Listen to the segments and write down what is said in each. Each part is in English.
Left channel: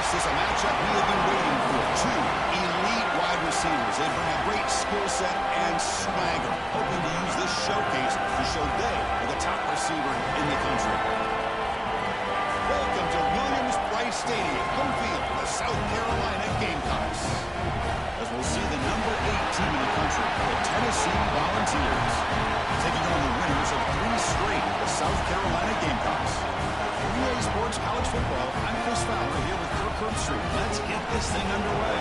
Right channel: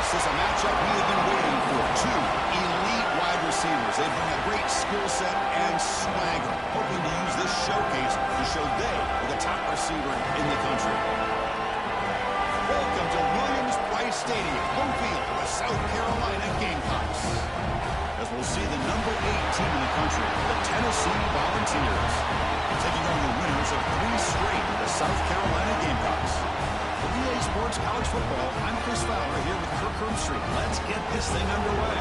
This is a matchup we have been waiting for. Two elite wide receivers. They bring a great skill set and swagger, hoping to use this showcase to show they are the top receiver in the country. Welcome to Williams-Brice Stadium, home field of the South Carolina Gamecocks. As we'll see the number 8 team in the country, the Tennessee Volunteers, taking on the winners of 3 straight, the South Carolina Gamecocks. For EA Sports College Football, I'm Chris Fowler here with Kirk Herbstreit. Let's get this thing underway.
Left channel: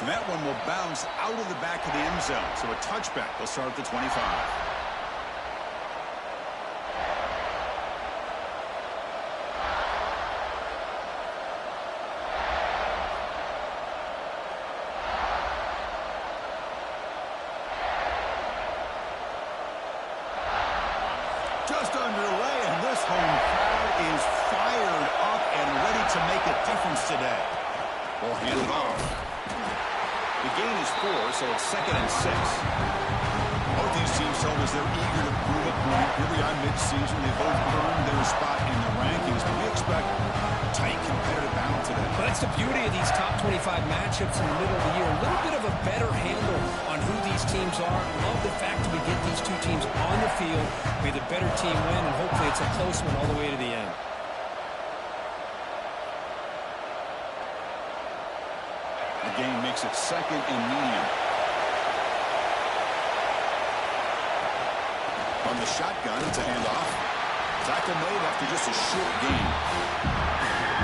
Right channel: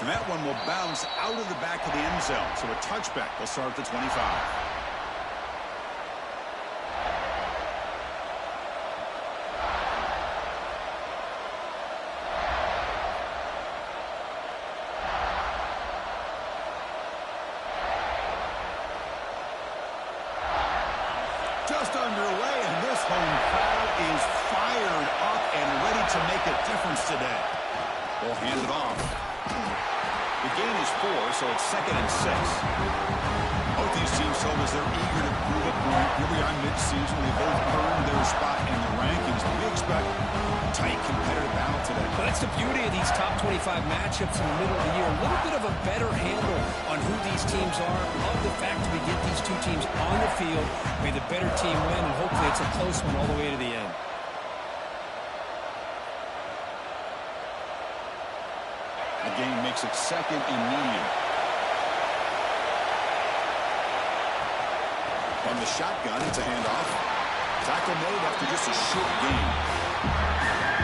And that one will bounce out of the back of the end zone. So a touchback. They'll start at the 25. Just underway, and this home crowd is fired up and ready to make a difference today. We'll hand it off. The gain is 4, so it's 2nd and 6. Both these teams told us they're eager to prove a point. Here we are mid-season. They both earned their spot in the rankings. But we expect a tight, competitive battle today. Well, that's the beauty of these top 25 matchups in the middle of the year. A little bit of a better handle on who these teams are. Love the fact that we get these two teams on the field. May the better team win, and hopefully it's a close one all the way to the end. The game makes it 2nd and medium. From the shotgun, it's a handoff. Tackle made after just a short gain.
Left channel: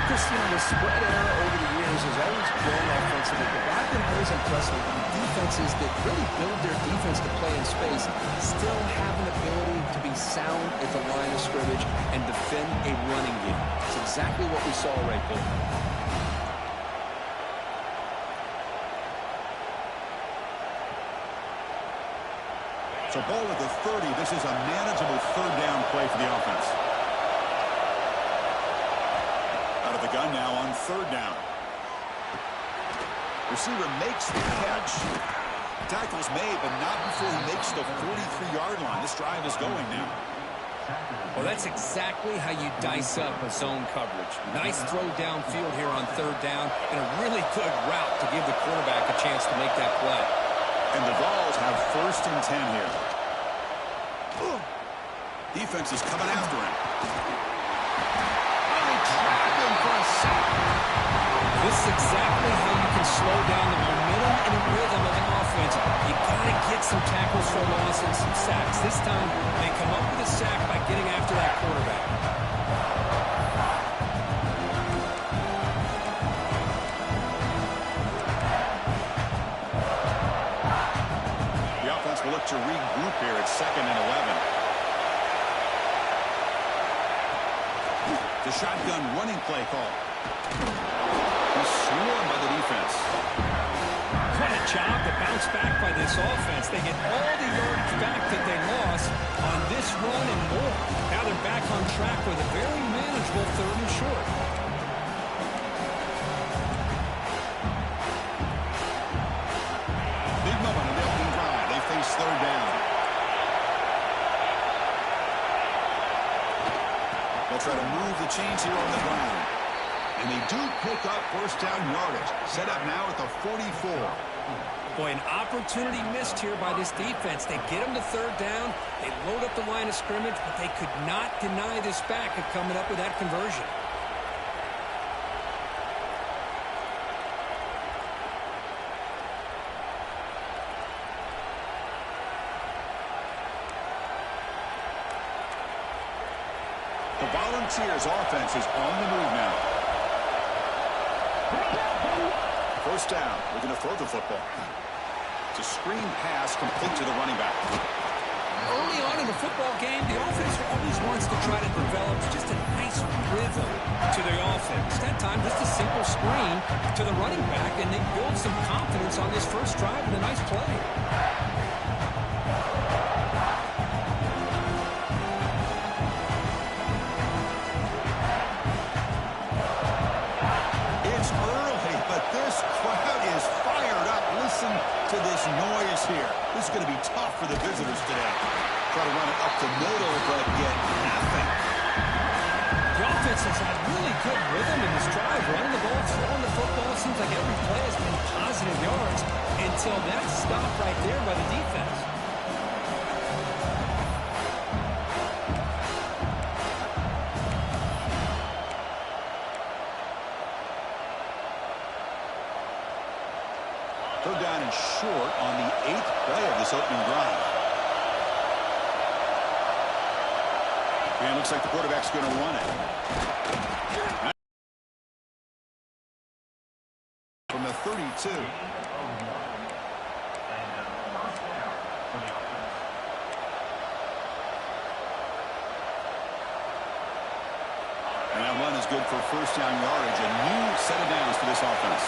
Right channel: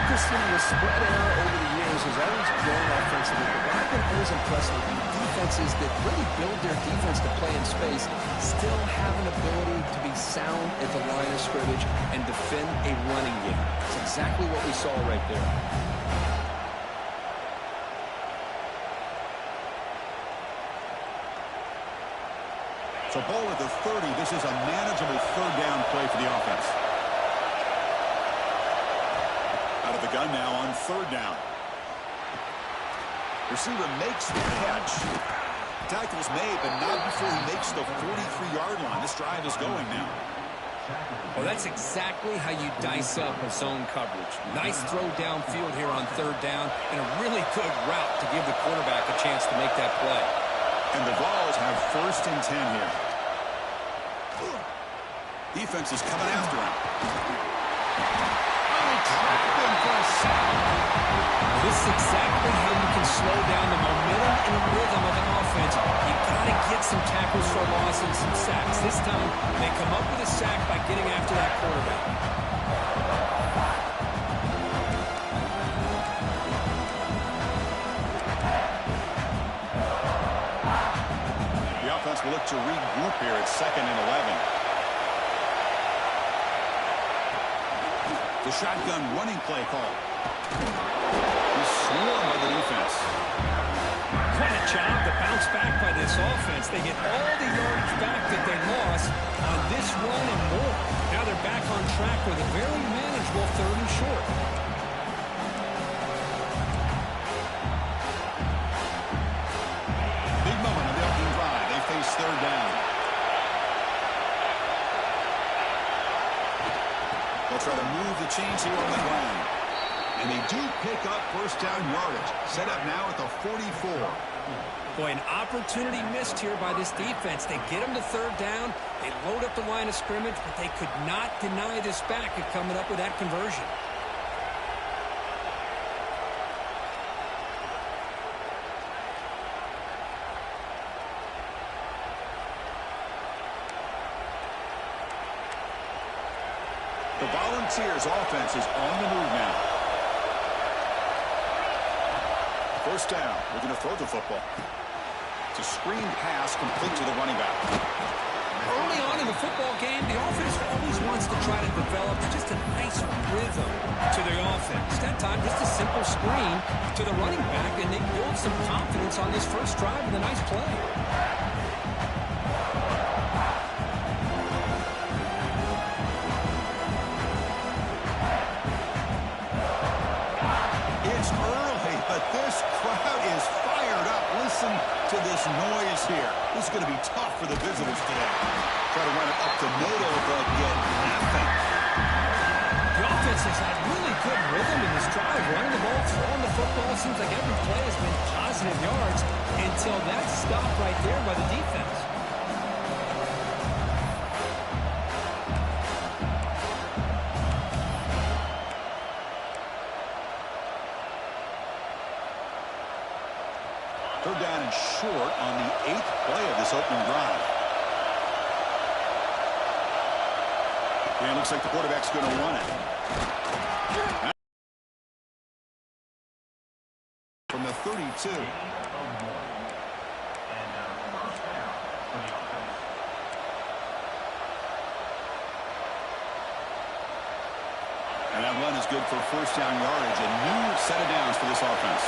Chris, the spread error over the years has always grown offensively, but what I've been always impressed with defenses that really build their defense to play in space still have an ability to be sound at the line of scrimmage and defend a running game. It's exactly what we saw right there. So ball at the 30. This is a manageable 3rd down play for the offense. Out of the gun now on 3rd down. Receiver makes the catch. Tackle's made, but not before he makes the 43-yard line. This drive is going now. Well, that's exactly how you dice up a zone coverage. Nice throw downfield here on 3rd down, and a really good route to give the quarterback a chance to make that play. And the Vols have 1st and 10 here. Defense is coming after him. Oh, they trap him for a sack. This is exactly how you can slow down the momentum and the rhythm of an offense. You got to get some tackles for loss and some sacks. This time, they come up with a sack by getting after that quarterback. Will look to regroup here at 2nd and 11. The shotgun running play call. He's swarmed by the defense. What a job to bounce back by this offense. They get all the yardage back that they lost on this run and more. Now they're back on track with a very manageable 3rd and short. Big moment of the opening drive. They face 3rd down. They'll try to move the chains here on the ground. And they do pick up 1st down yardage. Set up now at the 44. Boy, an opportunity missed here by this defense. They get them to 3rd down. They load up the line of scrimmage, but they could not deny this back at coming up with that conversion. The Volunteers offense is on the move now. 1st down. We're going to throw the football. It's a screen pass complete to the running back. Early on in the football game, the offense always wants to try to develop just a nice rhythm to the offense. That time, just a simple screen to the running back, and they build some confidence on this first drive with a nice play. It's early, but this crowd is fired up. Listen to this noise here. This is going to be tough for the visitors today. Try to run it up the middle, but get nothing. The offense has had really good rhythm in this drive, running the ball, throwing the football. Seems like every play has been positive yards until that stop right there by the defense. Third down and short on the 8th play of this opening drive. And it looks like the quarterback's going to run it. From the 32. And that run is good for first down yardage. A new set of downs for this offense.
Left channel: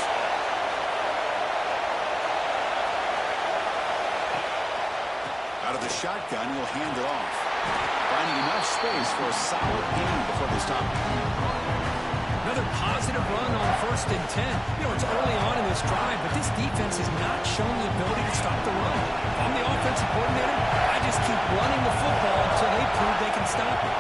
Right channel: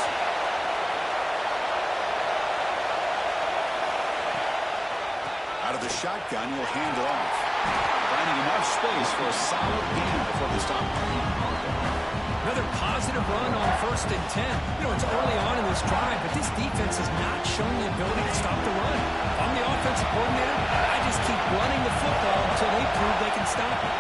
Out of the shotgun, he'll hand it off. Finding enough space for a solid gain before they stop. Another positive run on 1st and 10. You know, it's early on in this drive, but this defense has not shown the ability to stop the run. If I'm the offensive coordinator, I just keep running the football until they prove they can stop it.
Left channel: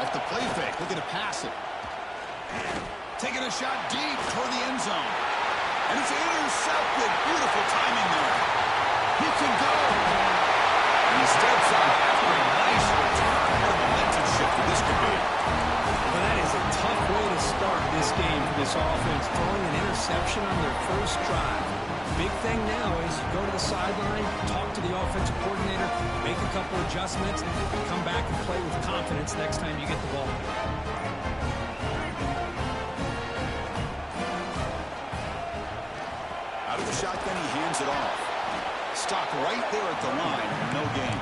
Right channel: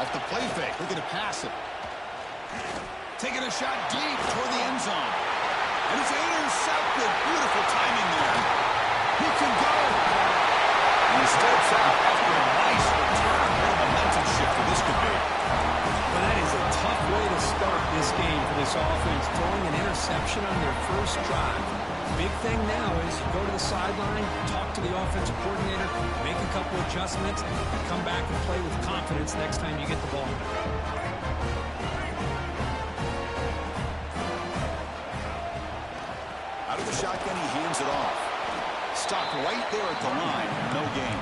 Off the play fake, looking to pass it. Taking a shot deep toward the end zone. And it's intercepted. Beautiful timing there. He can go. And he steps out after a nice return. What a momentum shifter this could be. Well, that is a tough way to start this game for this offense, throwing an interception on their first drive. Big thing now is you go to the sideline, talk to the offensive coordinator, make a couple adjustments, and come back and play with confidence next time you get the ball. Out of the shotgun, he hands it off. Stopped right there at the line, no gain.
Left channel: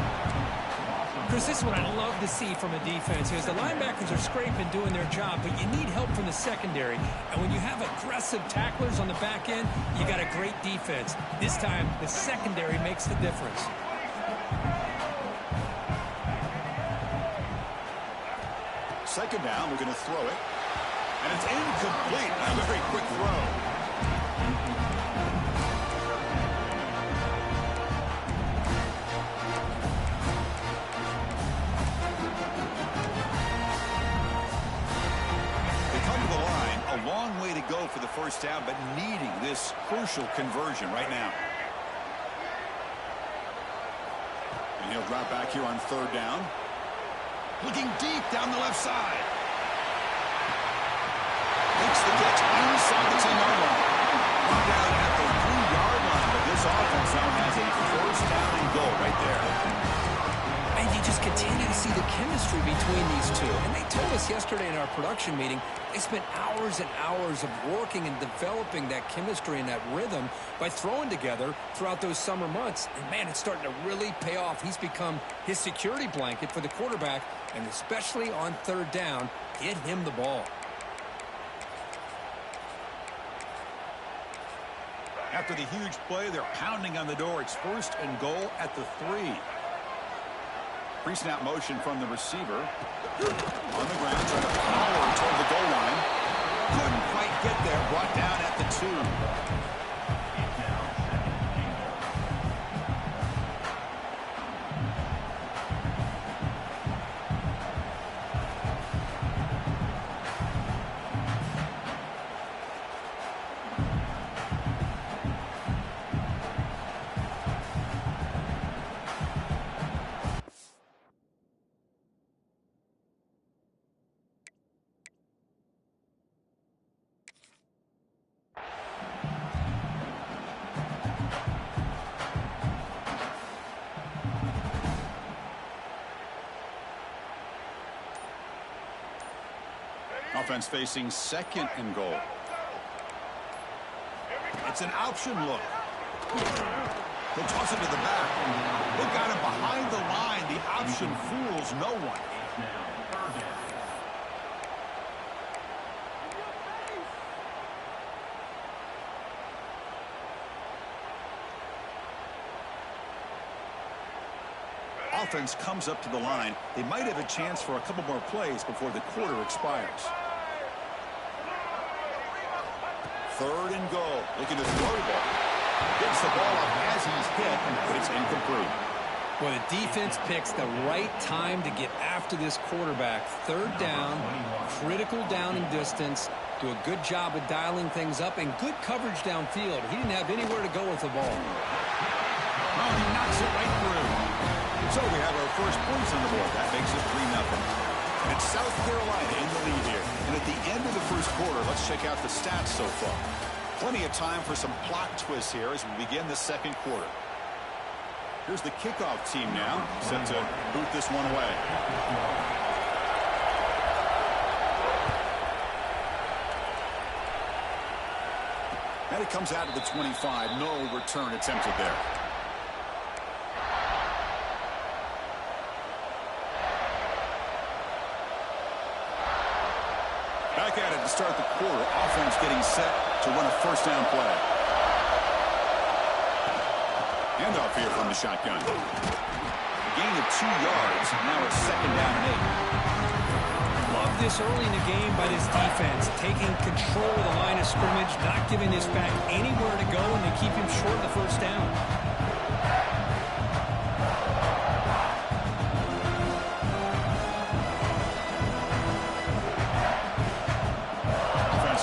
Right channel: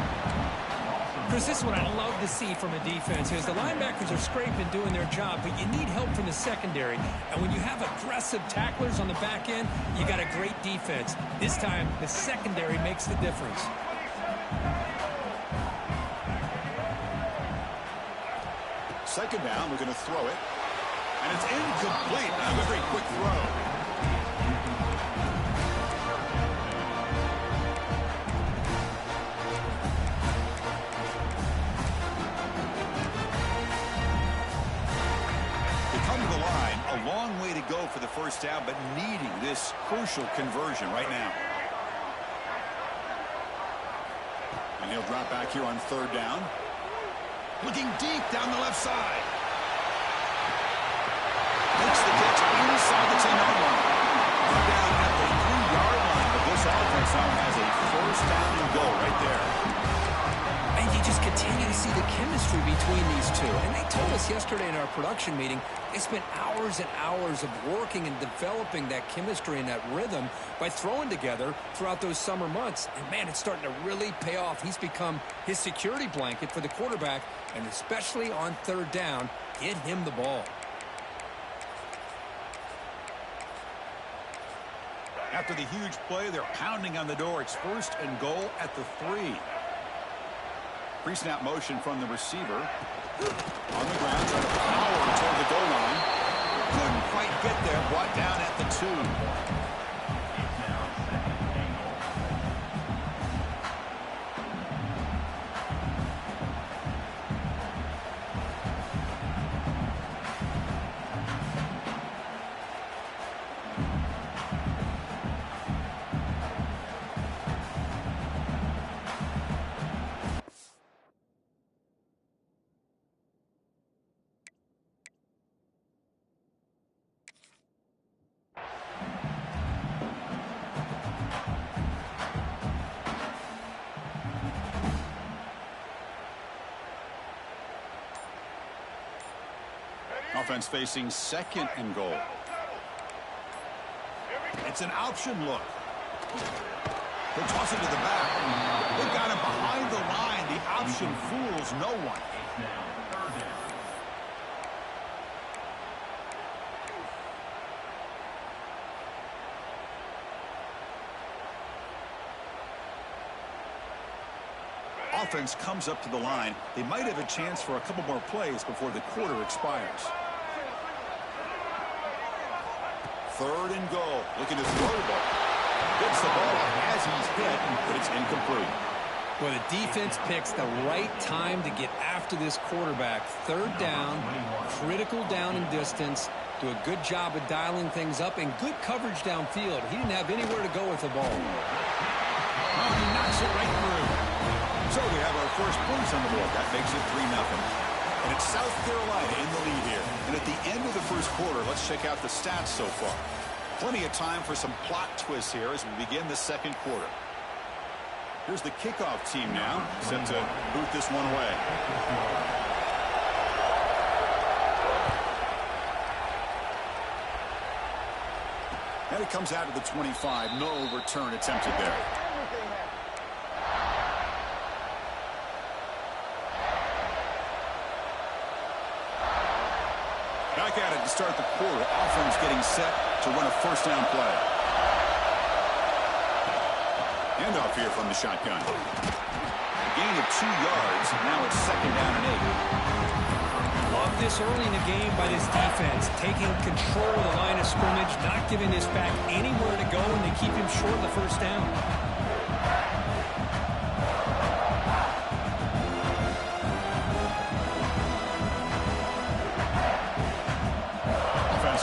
Chris, this is what I love to see from a defense is the linebackers are scraping, doing their job, but you need help from the secondary. And when you have aggressive tacklers on the back end, you got a great defense. This time, the secondary makes the difference. Second down, we're going to throw it. And it's incomplete. A very quick throw. Come to the line, a long way to go for the first down, but needing this crucial conversion right now. And he'll drop back here on third down. Looking deep down the left side. Makes the catch inside the 10-yard line. Run down at the 3-yard line, but this offense now has a first down and goal right there. And you just continue to see the chemistry between these two. And they told us yesterday in our production meeting, they spent hours and hours of working and developing that chemistry and that rhythm by throwing together throughout those summer months. And, man, it's starting to really pay off. He's become his security blanket for the quarterback, and especially on third down, get him the ball. After the huge play, they're pounding on the door. It's first and goal at the 3. Pre-snap motion from the receiver. On the ground, trying to power toward the goal line. Couldn't quite get there. Brought down at the 2. Offense facing 2nd and goal. It's an option look. He'll toss it to the back. They've got him behind the line. The option fools no one. Offense comes up to the line. They might have a chance for a couple more plays before the quarter expires. 3rd and goal. Looking to throw the ball. Gets the ball off as he's hit, but it's incomplete. Well, the defense picks the right time to get after this quarterback. 3rd down, critical down and distance. Do a good job of dialing things up and good coverage downfield. He didn't have anywhere to go with the ball. Oh, he knocks it right through. So we have our first points on the board. That makes it 3-0. And it's South Carolina in the lead here. And at the end of the first quarter, let's check out the stats so far. Plenty of time for some plot twists here as we begin the second quarter. Here's the kickoff team now, set to boot this one away. And it comes out to the 25. No return attempted there. Back at it to start the quarter. Offense getting set to run a first down play. Handoff here from the shotgun. A gain of 2 yards. Now it's 2nd down and 8. Love this early in the game by this defense. Taking control of the line of scrimmage, not giving this back anywhere to go, and they keep him short of the first down.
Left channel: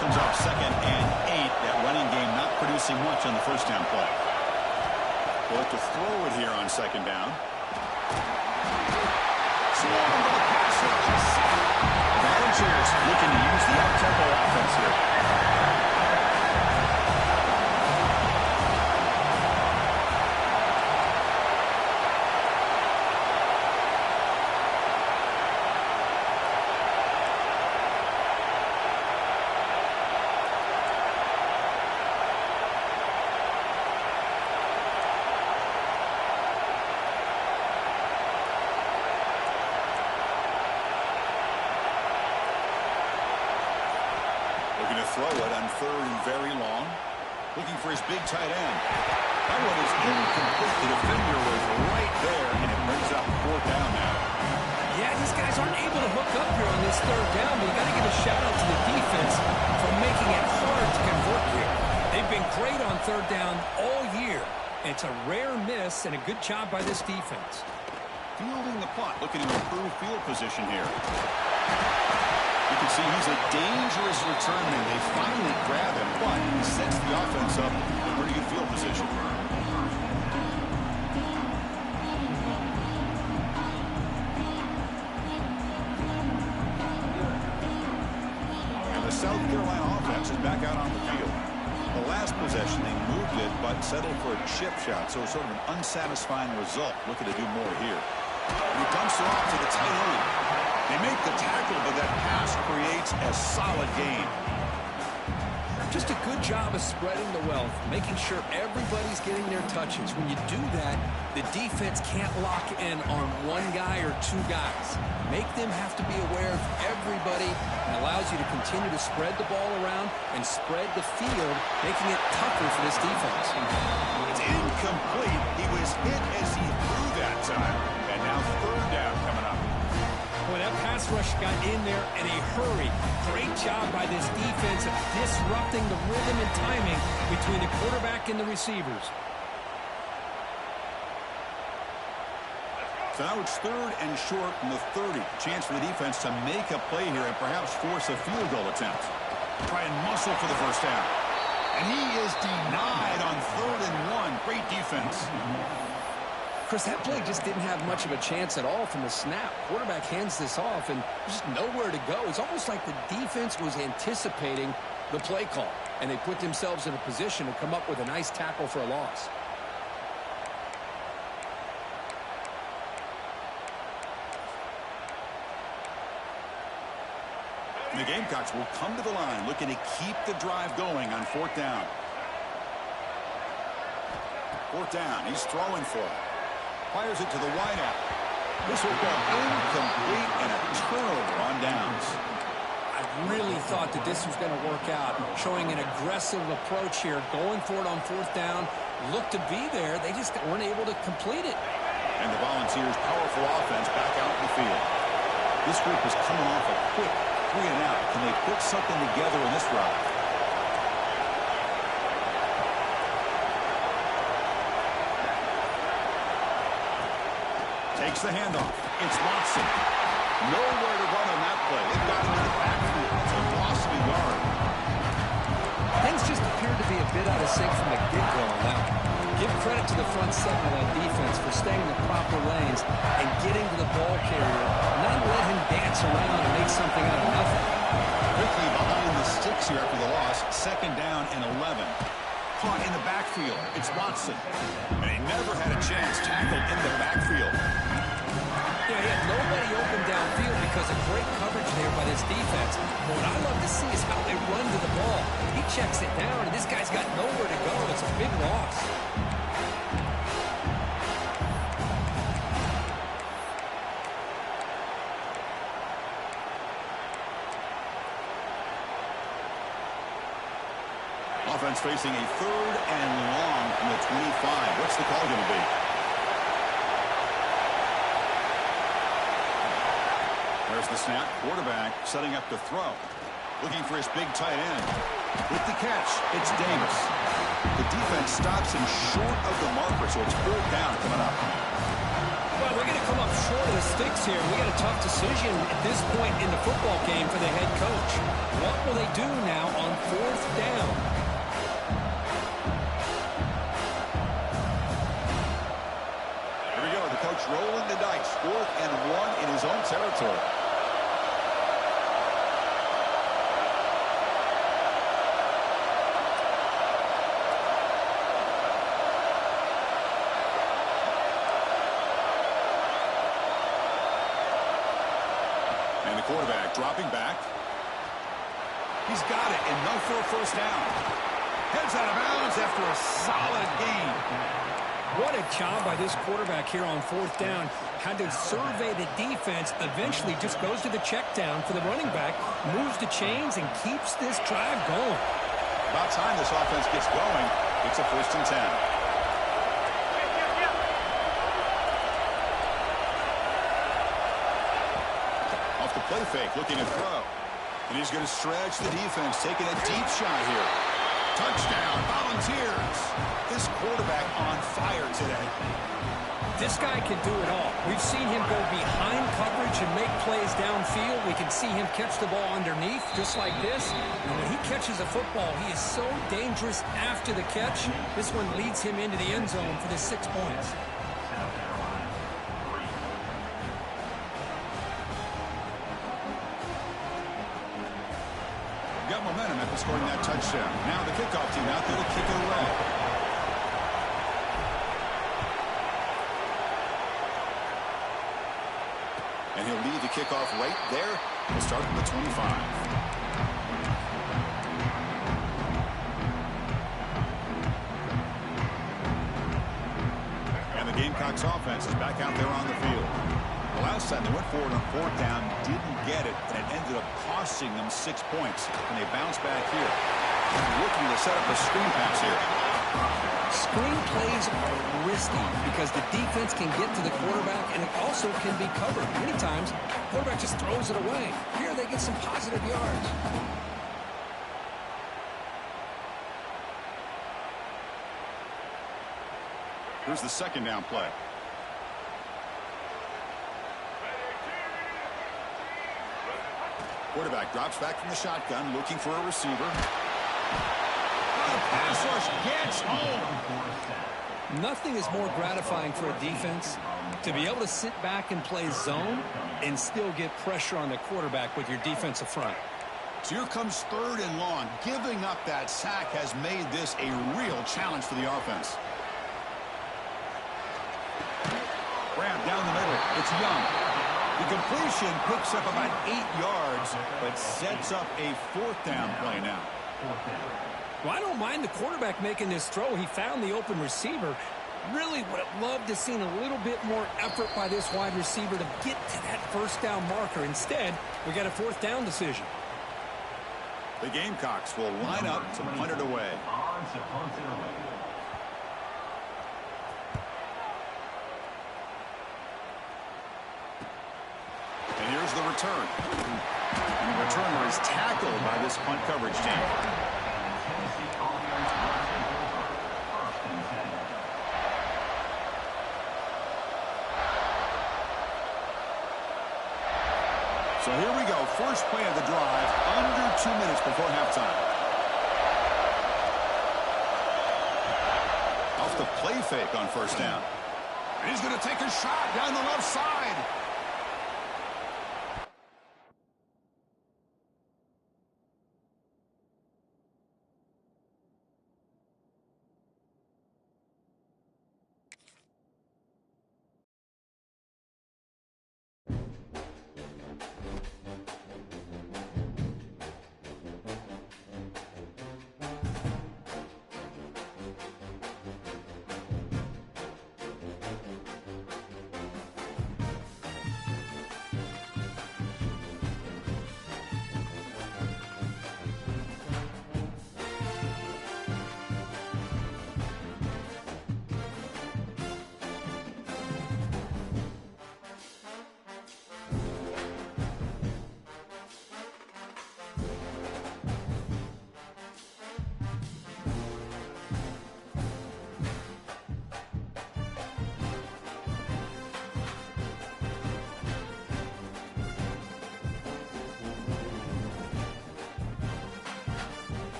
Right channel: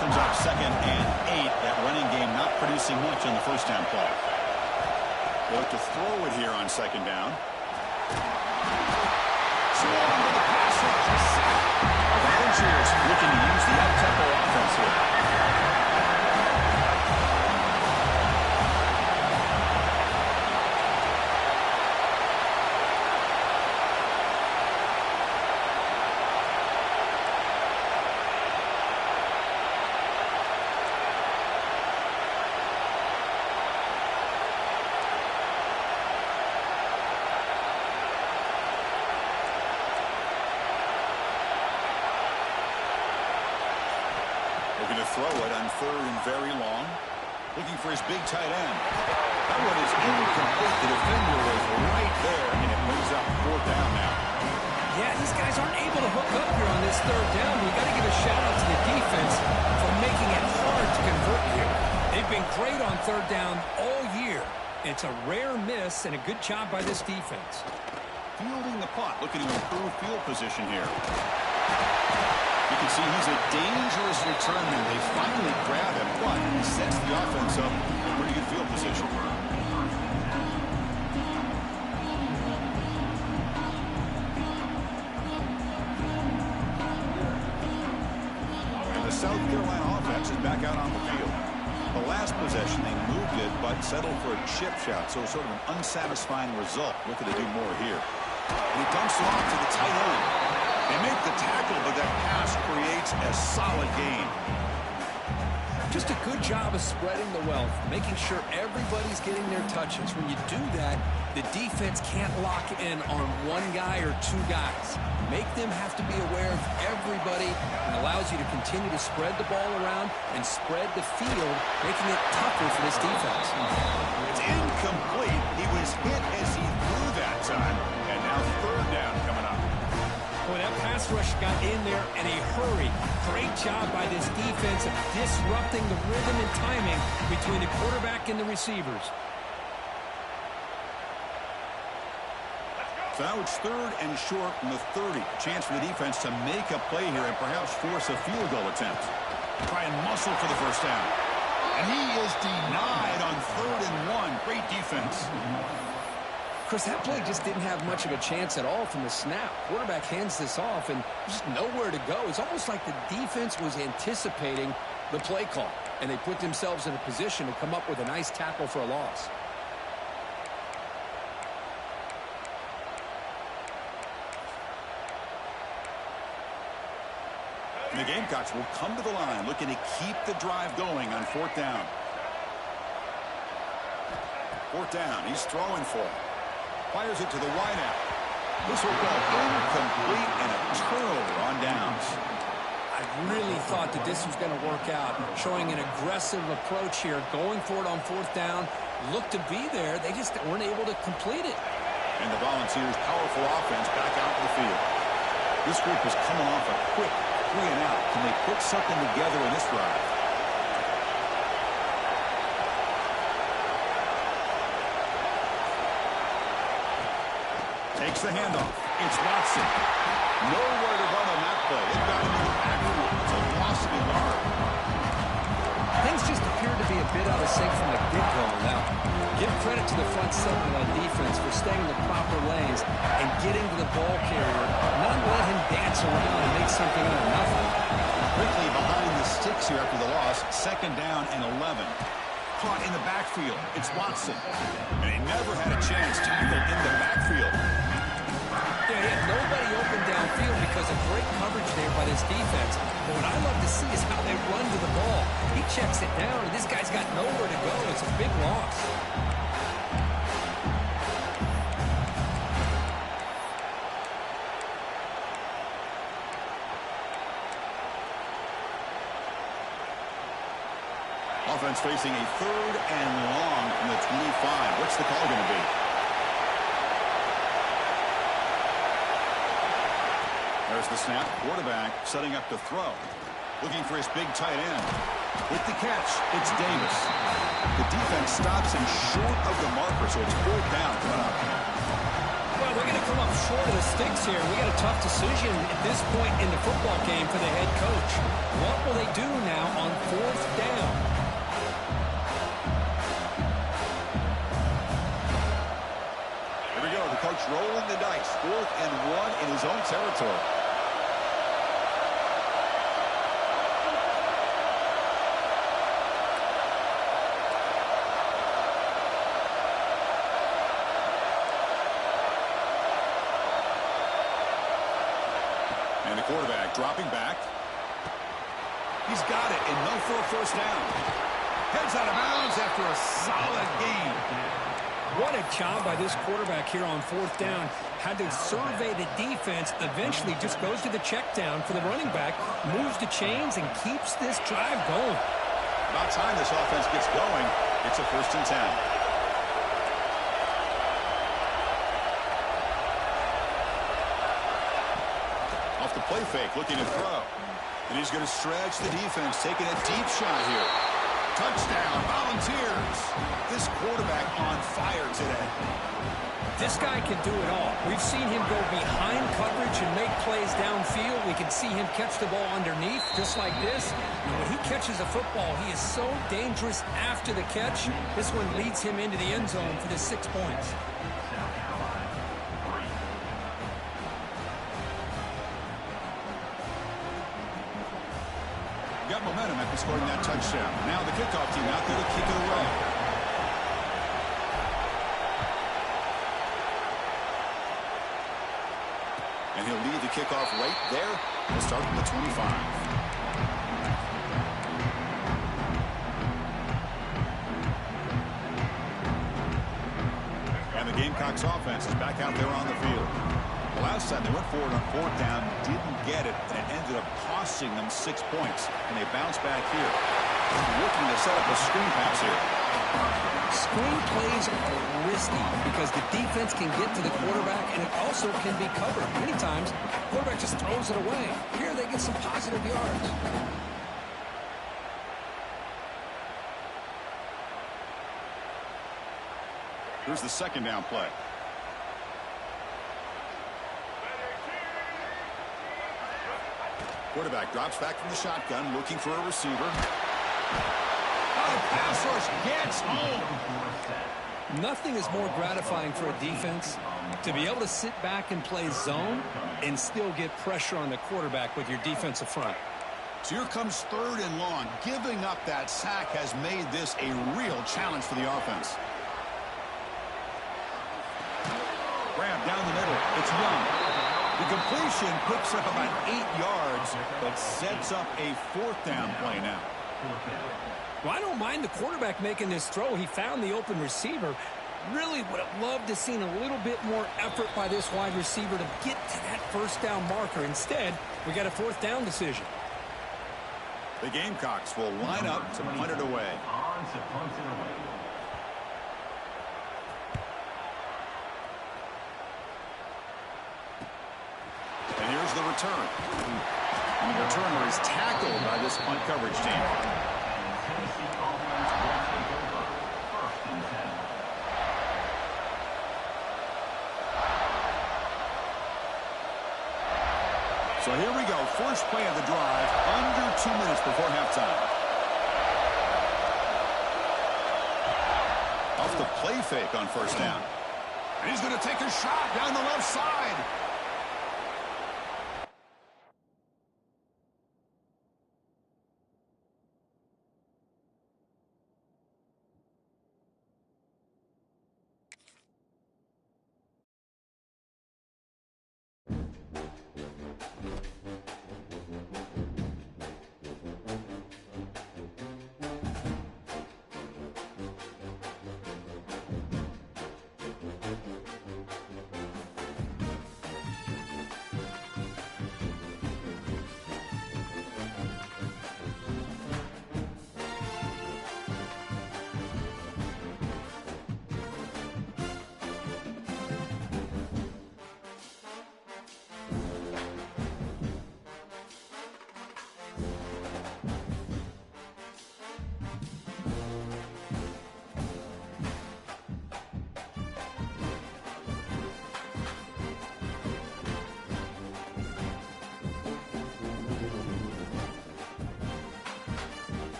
Comes up 2nd and 8. That running game not producing much on the first down play. They look to throw it here on 2nd down. Swarm to the pass rush. A sack. Volunteers looking to use the up-tempo offense here. Looking to throw it on 3rd and very long. Looking for his big tight end. That one is incomplete. The defender was right there, and it brings up 4th down now. Yeah, these guys aren't able to hook up here on this 3rd down, but you got to give a shout-out to the defense for making it hard to convert here. They've been great on 3rd down all year. It's a rare miss and a good job by this defense. Fielding the punt, looking to improve field position here. You can see he's a dangerous return man. They finally grab him, but he sets the offense up in pretty good field position. And the South Carolina offense is back out on the field. The last possession, they moved it, but settled for a chip shot, so sort of an unsatisfying result. Looking to do more here. And he dumps it off to the tight end. They make the tackle, but that pass creates a solid gain. Just a good job of spreading the wealth, making sure everybody's getting their touches. When you do that, the defense can't lock in on one guy or 2 guys. Make them have to be aware of everybody, and allows you to continue to spread the ball around and spread the field, making it tougher for this defense. It's incomplete. He was hit as he threw that time, and now 3rd down coming up. Boy, that pass rush got in there in a hurry. Great job by this defense of disrupting the rhythm and timing between the quarterback and the receivers. So now it's 3rd and short from the 30. Chance for the defense to make a play here and perhaps force a field goal attempt. Try and muscle for the first down. And he is denied on 3rd and 1. Great defense. Chris, that play just didn't have much of a chance at all from the snap. Quarterback hands this off, and there's just nowhere to go. It's almost like the defense was anticipating the play call, and they put themselves in a position to come up with a nice tackle for a loss. And the Gamecocks will come to the line looking to keep the drive going on 4th down. 4th down. He's throwing for it. Fires it to the wideout. This will go incomplete and a turnover on downs. I really thought that this was going to work out, showing an aggressive approach here, going for it on 4th down. Looked to be there. They just weren't able to complete it. And the Volunteers' powerful offense back out in the field. This group is coming off a quick 3-and-out. Can they put something together in this drive? Takes the handoff. It's Watson. Nowhere to run on that play. It got him in the backfield. It's a loss of a yard. Things just appeared to be a bit out of sync from the get-go on that one. Give credit to the front seven of that defense for staying in the proper lanes and getting to the ball carrier, not let him dance around and make something out of nothing. Quickly behind the sticks here after the loss. 2nd down and 11. Caught in the backfield. It's Watson. And he never had a chance. Tackled in the backfield. Yeah, he had nobody open downfield because of great coverage there by this defense. But what I love to see is how they run to the ball. He checks it down, and this guy's got nowhere to go. It's a big loss. Offense facing a 3rd and long from the 25. What's the call going to be? There's the snap. Quarterback setting up to throw. Looking for his big tight end. With the catch, it's Davis. The defense stops him short of the marker, so it's 4th down coming up. Well, they're going to come up short of the sticks here. We got a tough decision at this point in the football game for the head coach. What will they do now on 4th down? Here we go. The coach rolling the dice. 4th and 1 in his own territory. And the quarterback dropping back. He's got it. Enough for a 1st down. Heads out of bounds after a solid gain. What a job by this quarterback here on 4th down. Had to survey the defense. Eventually just goes to the check down for the running back. Moves the chains and keeps this drive going. About time this offense gets going. It's a 1st and 10. Off the play fake, looking to throw. And he's going to stretch the defense, taking a deep shot here. Touchdown, Volunteers. This quarterback on fire today. This guy can do it all. We've seen him go behind coverage and make plays downfield. We can see him catch the ball underneath, just like this. And when he catches a football, he is so dangerous after the catch. This one leads him into the end zone for the 6 points. Got momentum after scoring that touchdown. Now the kickoff team out there to kick it away. And he'll lead the kickoff right there. He'll start from the 25. And the Gamecocks offense is back out there on the field. The last time they went forward on 4th down, didn't get it, and it ended up costing them 6 points. And they bounce back here. Looking to set up a screen pass here. Screen plays are risky because the defense can get to the quarterback, and it also can be covered. Many times, the quarterback just throws it away. Here they get some positive yards. Here's the 2nd down play. Quarterback drops back from the shotgun, looking for a receiver. Oh, the pass rush gets home. Nothing is more gratifying for a defense to be able to sit back and play zone and still get pressure on the quarterback with your defensive front. So here comes 3rd and long. Giving up that sack has made this a real challenge for the offense. Grab down the middle. It's Young. The completion picks up about 8 yards, but sets up a 4th down play now. Well, I don't mind the quarterback making this throw. He found the open receiver. Really would have loved to seen a little bit more effort by this wide receiver to get to that 1st down marker. Instead, we got a 4th down decision. The Gamecocks will line up to punt it away. And here's the return. And the returner is tackled by this punt coverage team. So here we go. First play of the drive, under 2 minutes before halftime. Off the play fake on 1st down. And he's going to take a shot down the left side.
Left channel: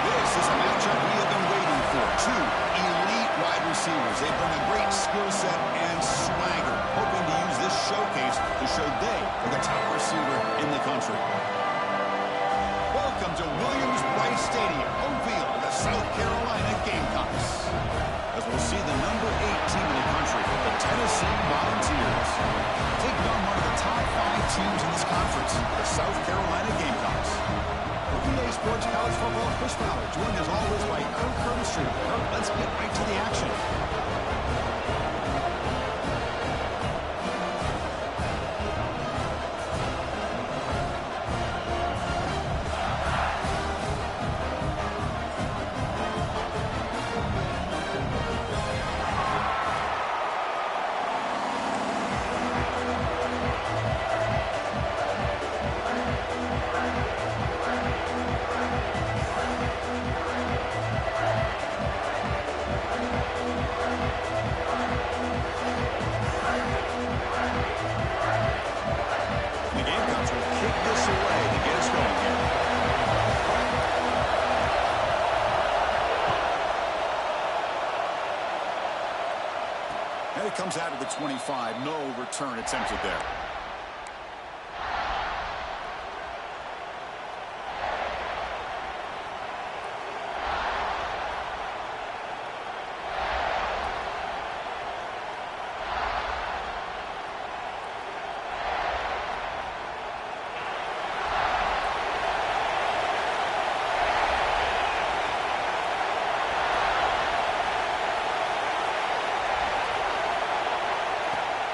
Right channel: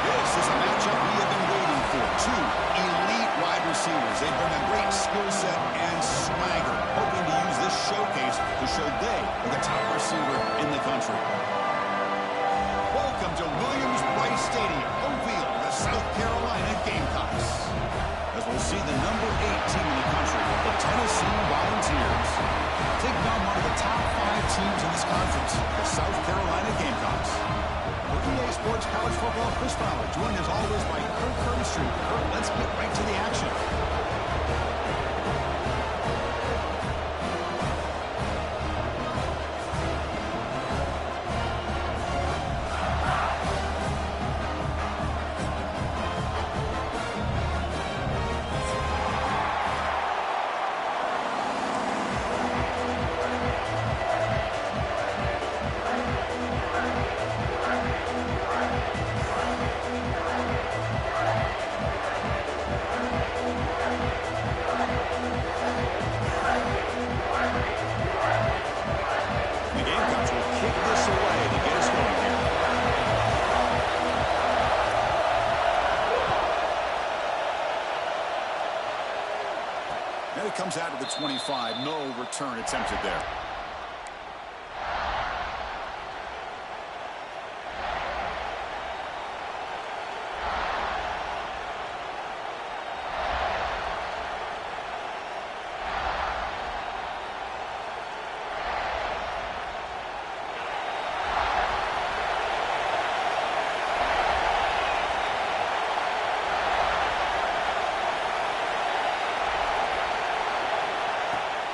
This is a matchup we have been waiting for. 2 elite wide receivers. They bring a great skill set and swagger, hoping to use this showcase to show they are the top receiver in the country. Welcome to Williams-Brice Stadium, home field of the South Carolina Gamecocks. As we'll see the number 8 team in the country, the Tennessee Volunteers, taking on one of the top 5 teams in this conference, the South Carolina Gamecocks. For EA Sports College Football, Chris Fowler, joined as always by Kirk Herbstreit. Kirk, let's get right to the action. And it comes out to the 25. No return attempted there.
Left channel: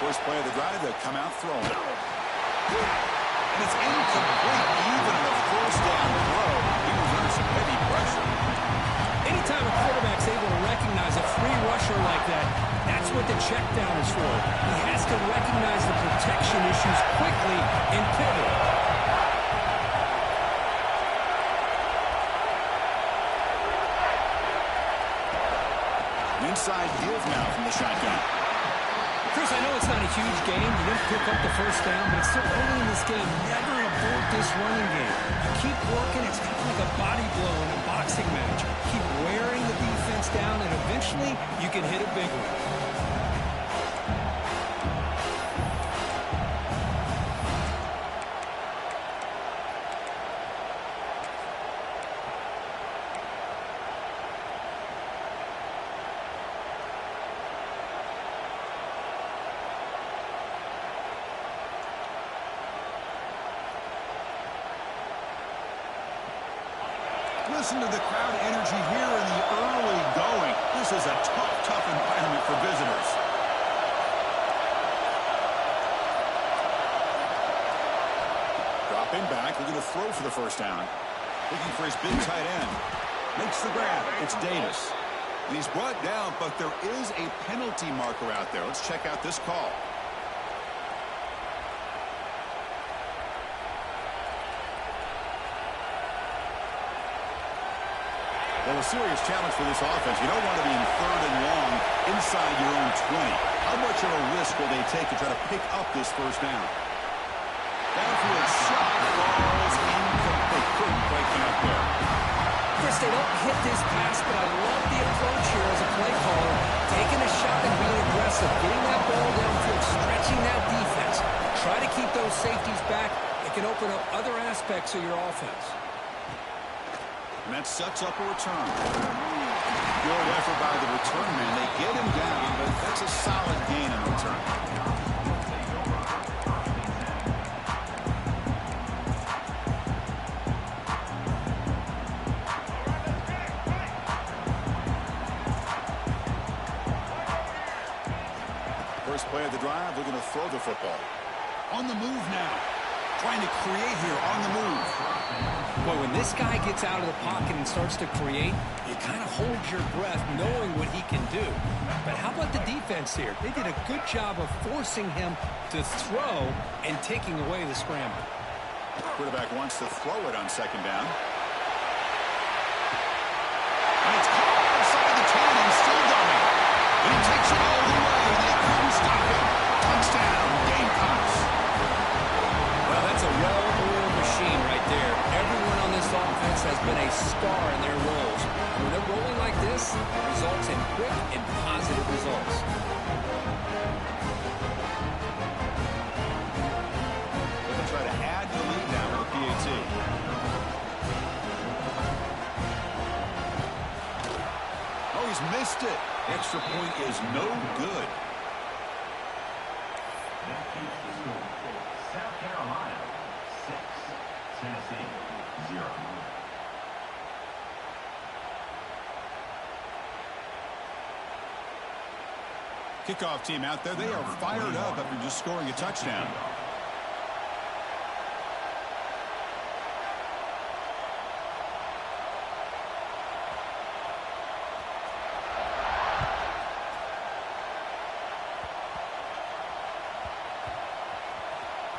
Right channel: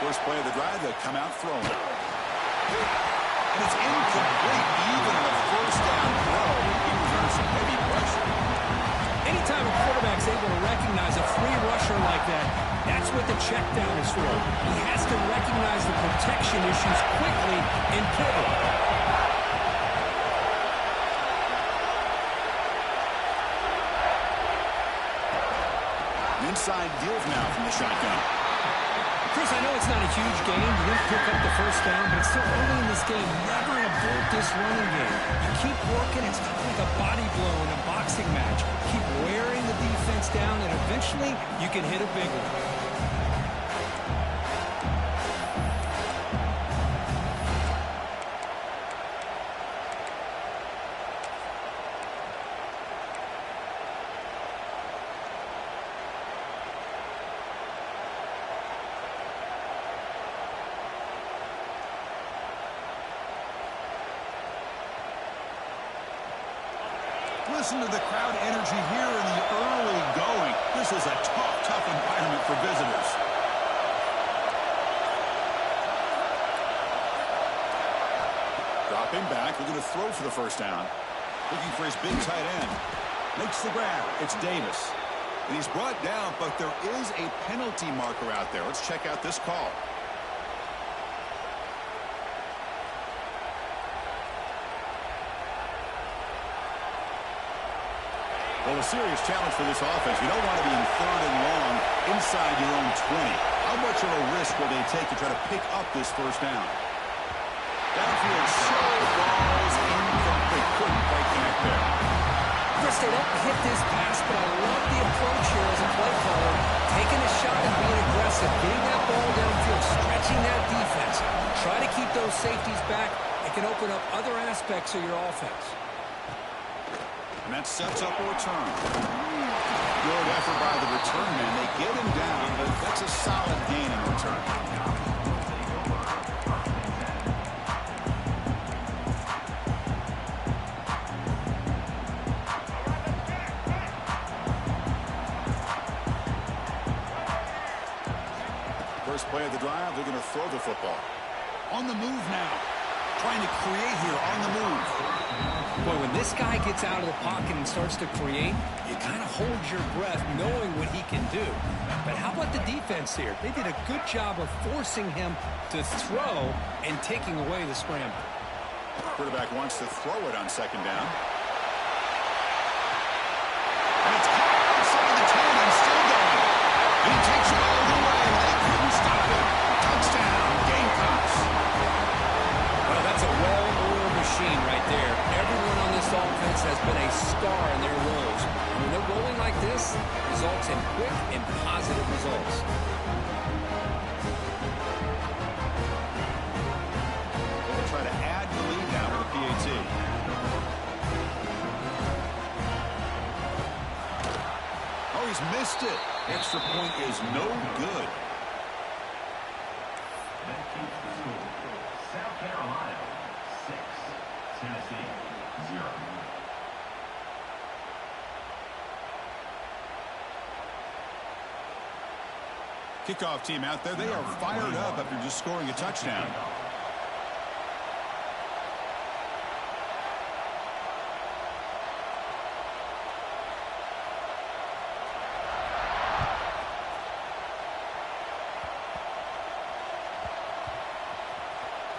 First play of the drive, they'll come out throwing. And it's incomplete. Even on a first down throw, he was under some heavy pressure. Anytime a quarterback's able to recognize a free rusher like that, that's what the check down is for. He has to recognize the protection issues quickly and pivot. Inside give now from the shotgun. Chris, I know it's not a huge game. You didn't pick up the first down, but it's still early in this game. Never abort this running game. You keep working. It's kind of like a body blow in a boxing match. Keep wearing the defense down, and eventually you can hit a big one. Listen to the crowd energy here in the early going. This is a tough environment for visitors. Dropping back, looking to throw for the first down. Looking for his big tight end. Makes the grab. It's Davis. And he's brought down, but there is a penalty marker out there. Let's check out this call. Well, a serious challenge for this offense. You don't want to be in third and long inside your own 20. How much of a risk will they take to try to pick up this first down? Downfield shot falls incomplete. Couldn't quite connect there. Chris, they don't hit this pass, but I love the approach here as a play caller. Taking a shot and being aggressive. Getting that ball downfield. Stretching that defense. Try to keep those safeties back. It can open up other aspects of your offense. And that sets up a return. Good effort by the return man. They get him down, but that's a solid gain in return. First play of the drive, looking to throw the football. On the move now. Trying to create here on the move. Boy, when this guy gets out of the pocket and starts to create, you kind of hold your breath knowing what he can do. But how about the defense here? They did a good job of forcing him to throw and taking away the scramble. Quarterback wants to throw it on second down. And it's caught outside the 10 and still going. And he takes it all the way. They couldn't stop him. Touchdown, Gamecocks. Well, that's a well-oiled machine right there. Everyone on this offense has been a star in their roles. And when they're rolling like this, it results in quick and positive results. They'll try to add to the lead now with a PAT. Oh, he's missed it. Extra point is no good. That keeps the score. South Carolina 6, Tennessee 0. Kickoff team out there. They are fired up after just scoring a touchdown.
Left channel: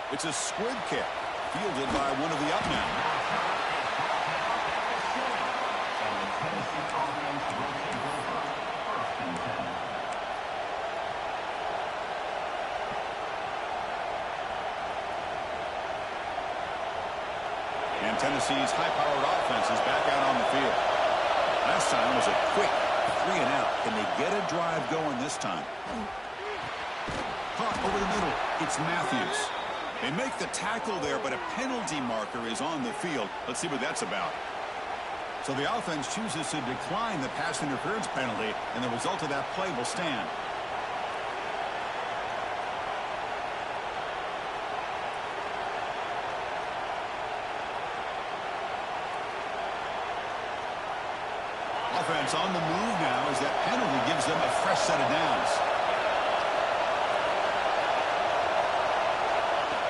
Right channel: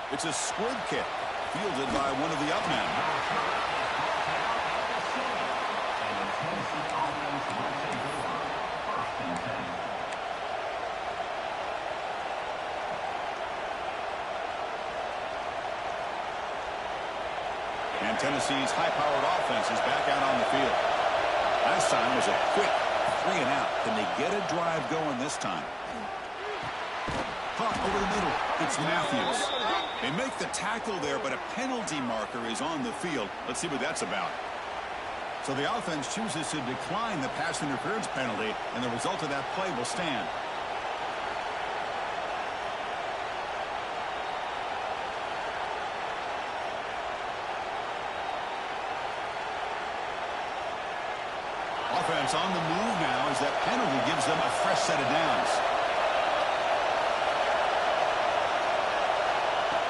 It's a squib kick, fielded by one of the up men. And the Tennessee offense will take over 1st and 10. And Tennessee's high-powered offense is back out on the field. Last time was a quick 3-and-out. Can they get a drive going this time? Caught over the middle. It's Matthews. They make the tackle there, but a penalty marker is on the field. Let's see what that's about. So the offense chooses to decline the pass interference penalty, and the result of that play will stand. Offense on the move now as that penalty gives them a fresh set of downs.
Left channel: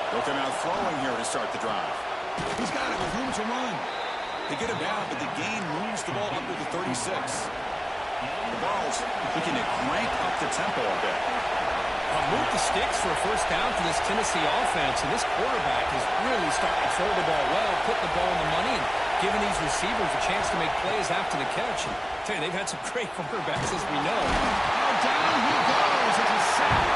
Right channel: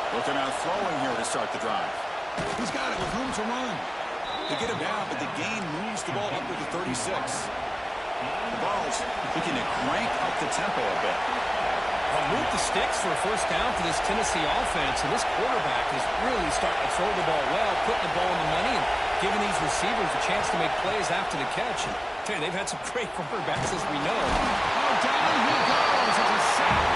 They'll come out throwing here to start the drive. He's got it with room to run. They get him down, but the gain moves the ball up to the 36. The ball's looking to crank up the tempo a bit. Well, move the sticks for a first down for this Tennessee offense, and this quarterback is really starting to throw the ball well, putting the ball in the money, and giving these receivers a chance to make plays after the catch. And I tell you, they've had some great quarterbacks, as we know. Oh, down he goes. It's a sack.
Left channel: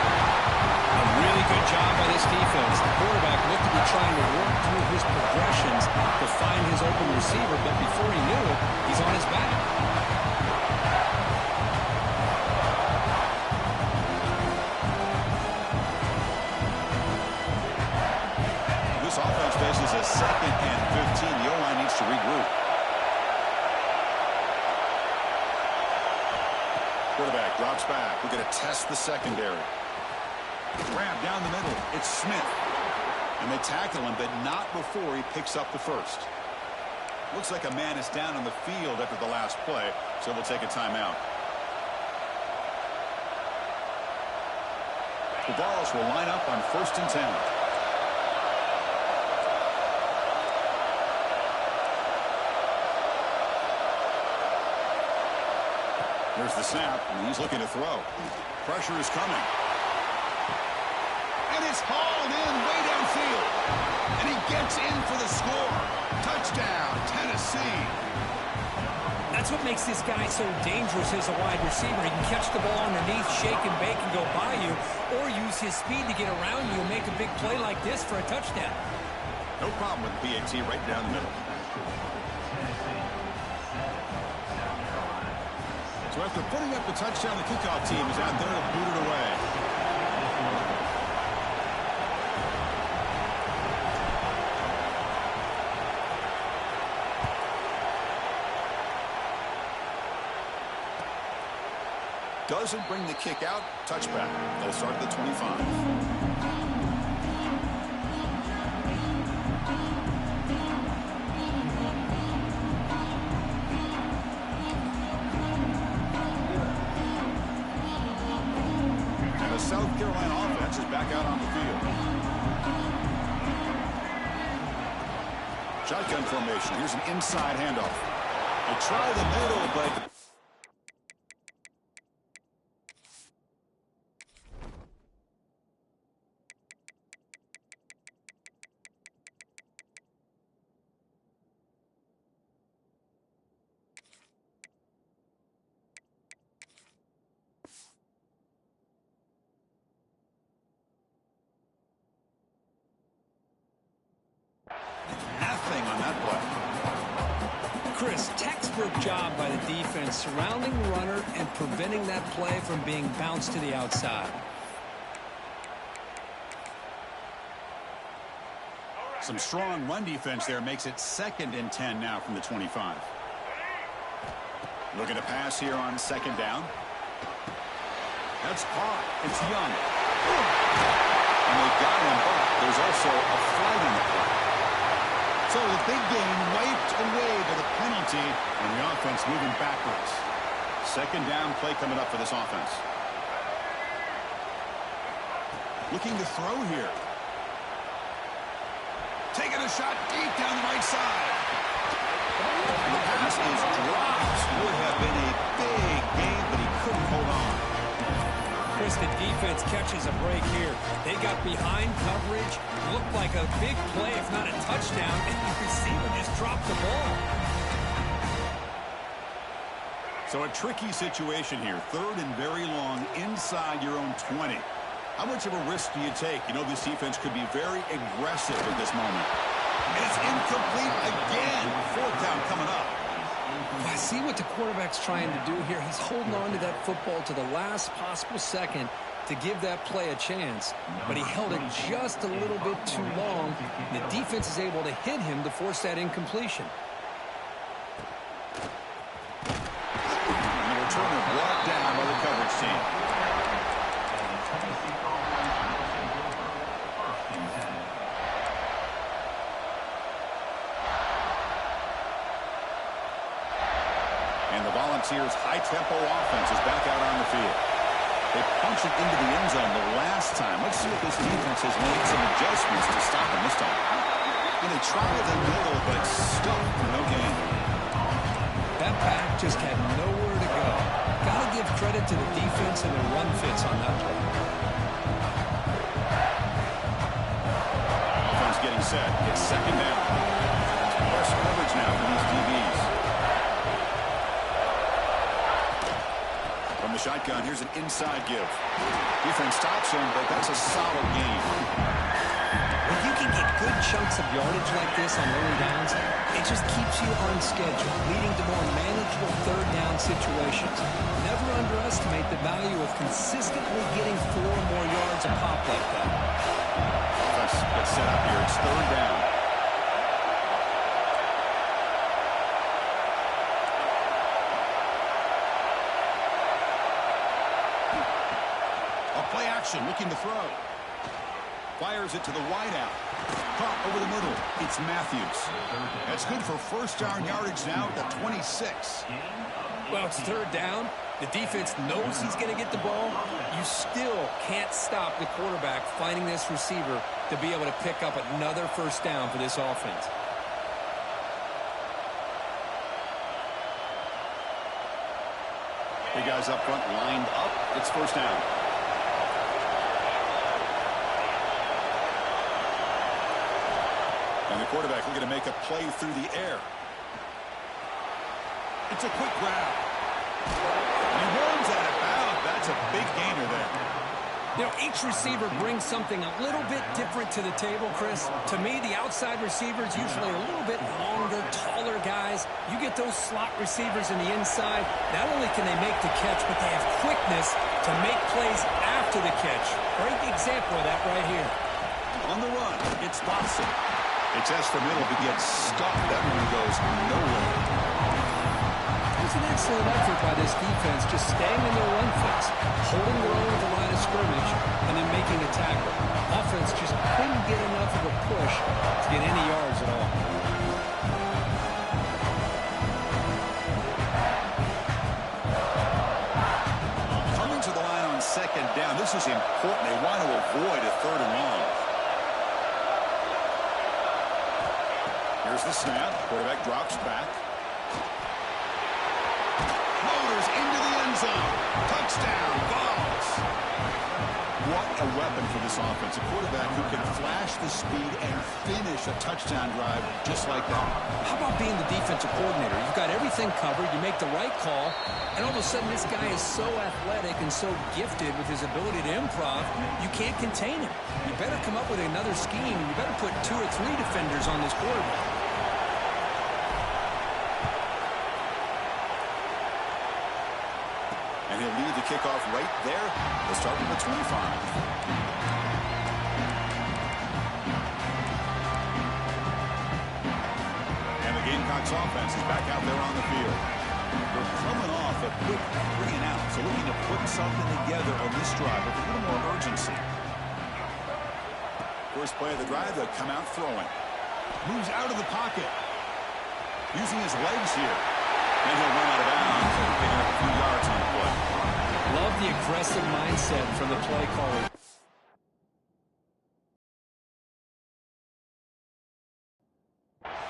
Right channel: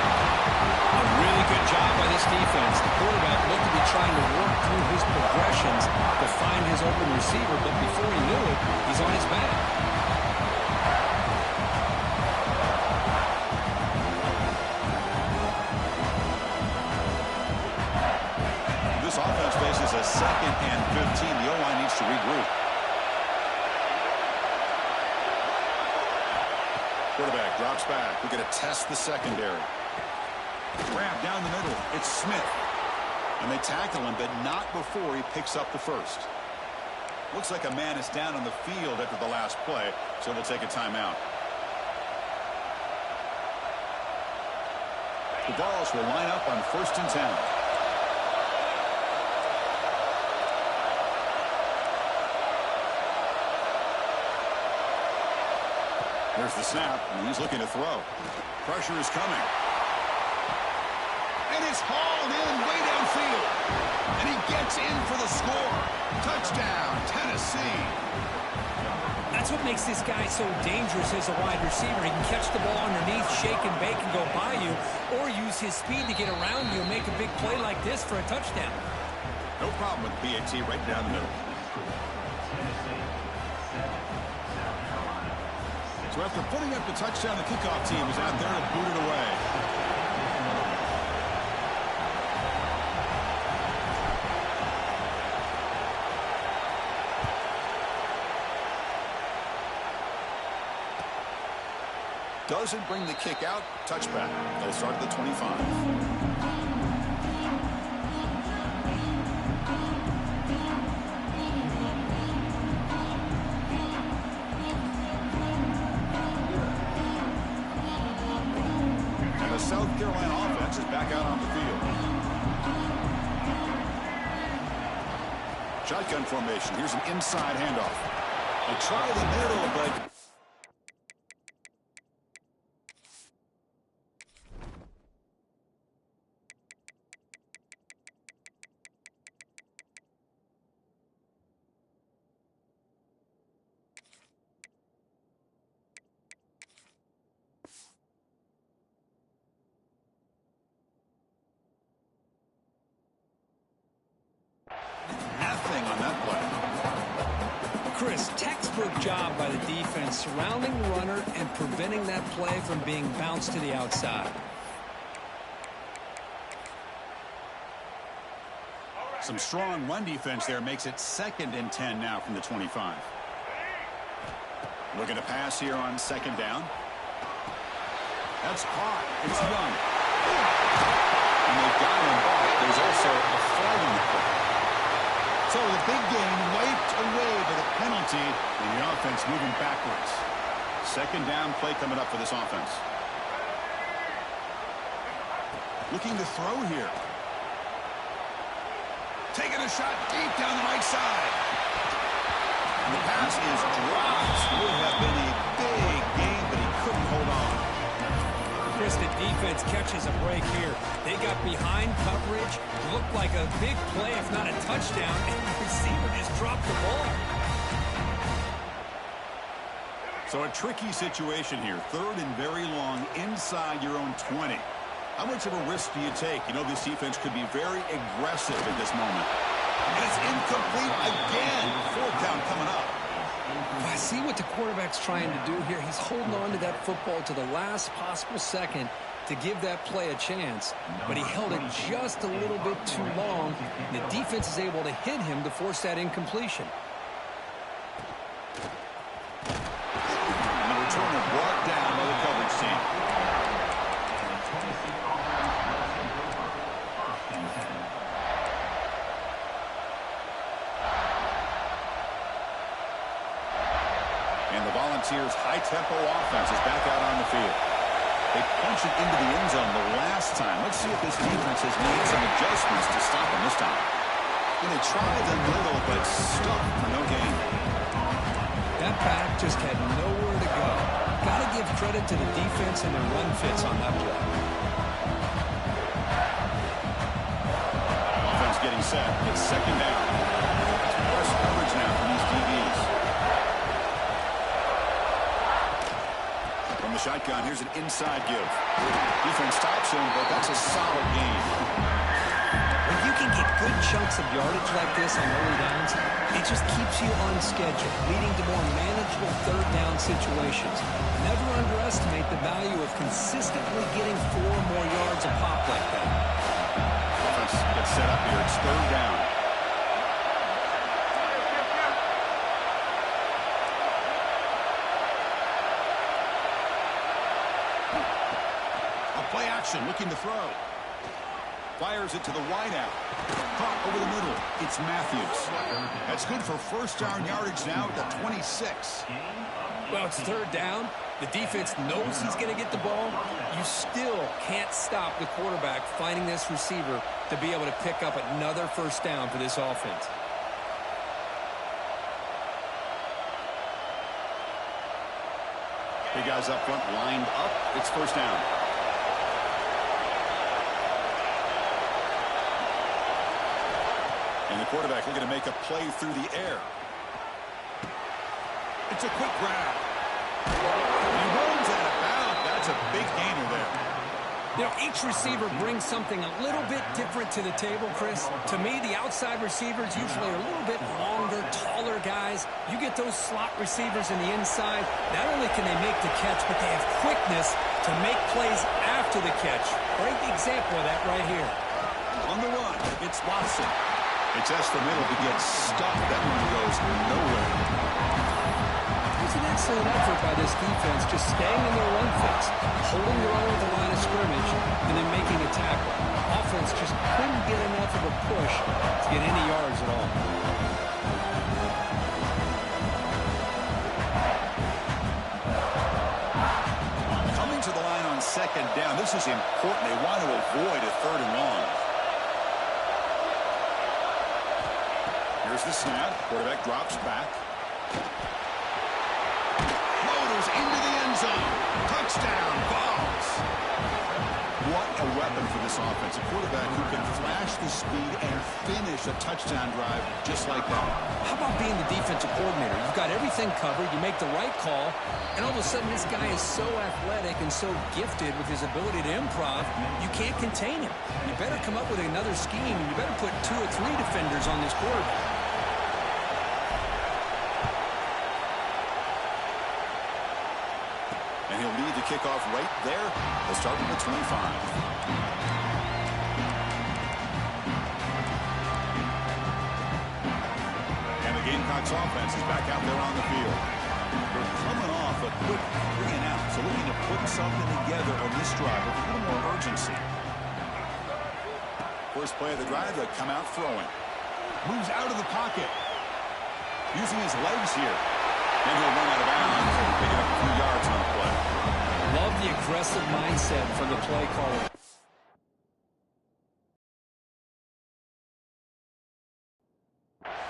A really good job by this defense. The quarterback looked to be trying to work through his progressions to find his open receiver, but before he knew it, he's on his back. This offense faces a 2nd and 15. The O-line needs to regroup. Quarterback drops back. We're going to test the secondary. Grab down the middle. It's Smith. And they tackle him, but not before he picks up the first. Looks like a man is down on the field after the last play, so we'll take a timeout. The Vols will line up on 1st and 10. Here's the snap, and he's looking to throw. Pressure is coming. And it's hauled in way downfield. And he gets in for the score. Touchdown, Tennessee. That's what makes this guy so dangerous as a wide receiver. He can catch the ball underneath, shake and bake, and go by you, or use his speed to get around you and make a big play like this for a touchdown. No problem with PAT right down the middle. So after putting up the touchdown, the kickoff team is out there to boot it away. Doesn't bring the kick out. Touchback. They'll start at the 25. South Carolina offense is back out on the field. Shotgun formation. Here's an inside handoff. They try the middle, but nothing on that play. Chris, textbook job by the defense surrounding the runner and preventing that play from being bounced to the outside. Some strong run defense there makes it 2nd and 10 now from the 25. Looking to pass here on 2nd down. That's caught. It's Young. And they got him, but there's also a flag on the play. So the big game wiped away by the penalty, and the offense moving backwards. 2nd down play coming up for this offense. Looking to throw here. Taking a shot deep down the right side. And the pass is dropped. Would have been a big game, but he couldn't hold on. Chris, the defense catches a break here. They got behind coverage, looked like a big play, if not a touchdown, and the receiver just dropped the ball. So a tricky situation here. 3rd and very long inside your own 20. How much of a risk do you take? You know this defense could be very aggressive at this moment. And it's incomplete again. 4th down coming up. I see what the quarterback's trying to do here. He's holding on to that football to the last possible second to give that play a chance, but he held it just a little bit too long. The defense is able to hit him to force that incompletion. And the returner brought down by the coverage team. And the Tennessee offense will take over 1st and 10. And the Volunteers' high-tempo offense is back out on the field. They punched it into the end zone the last time. Let's see if this defense has made some adjustments to stop them this time. And they tried the middle, but stuck for no gain. That back just had nowhere to go. Got to give credit to the defense and their run fits on that play. Offense getting set. It's 2nd down. It's press coverage now from these DBs. From the shotgun, here's an inside give. Defense stops him, but that's a solid gain. When you can get good chunks of yardage like this on early downs, it just keeps you on schedule, leading to more manageable 3rd down situations. Never underestimate the value of consistently getting 4 or more yards a pop like that. Offense gets set up here. It's 3rd down. A play action, looking to throw. Fires it to the wideout. Caught over the middle. It's Matthews. That's good for 1st down yardage now at the 26. Well, it's 3rd down. The defense knows he's going to get the ball. You still can't stop the quarterback finding this receiver to be able to pick up another 1st down for this offense. Big guys up front lined up. It's 1st down. And the quarterback looking to make a play through the air. It's a quick grab. And he runs out of bounds. That's a big gainer there. You know, each receiver brings something a little bit different to the table, Chris. To me, the outside receivers usually are a little bit longer, taller guys. You get those slot receivers in the inside, not only can they make the catch, but they have quickness to make plays after the catch. Great example of that right here. On the run, it's Watson. It's S for middle to get stopped. That one goes nowhere. It was an excellent effort by this defense, just staying in their run fits, holding their own at the line of scrimmage, and then making a tackle. Offense just couldn't get enough of a push to get any yards at all. Coming to the line on 2nd down. This is important. They want to avoid a 3rd and long. Here's the snap. Quarterback drops back. Motors into the end zone. Touchdown, Vols. What a weapon for this offense. A quarterback who can flash the speed and finish a touchdown drive just like that. How about being the defensive coordinator? You've got everything covered. You make the right call. And all of a sudden, this guy is so athletic and so gifted with his ability to improv, you can't contain him. You better come up with another scheme, and you better put 2 or 3 defenders on this quarterback. And he'll lead the kickoff right there. They'll start with the 25. And the Gamecocks offense is back out there on the field. They're coming off a quick 3 and out, so looking to put something together on this drive with a little more urgency. First play of the drive, they'll come out throwing. Moves out of the pocket. Using his legs here. Then he'll run out of bounds and picking up a few yards on the play. Love the aggressive mindset from the play caller.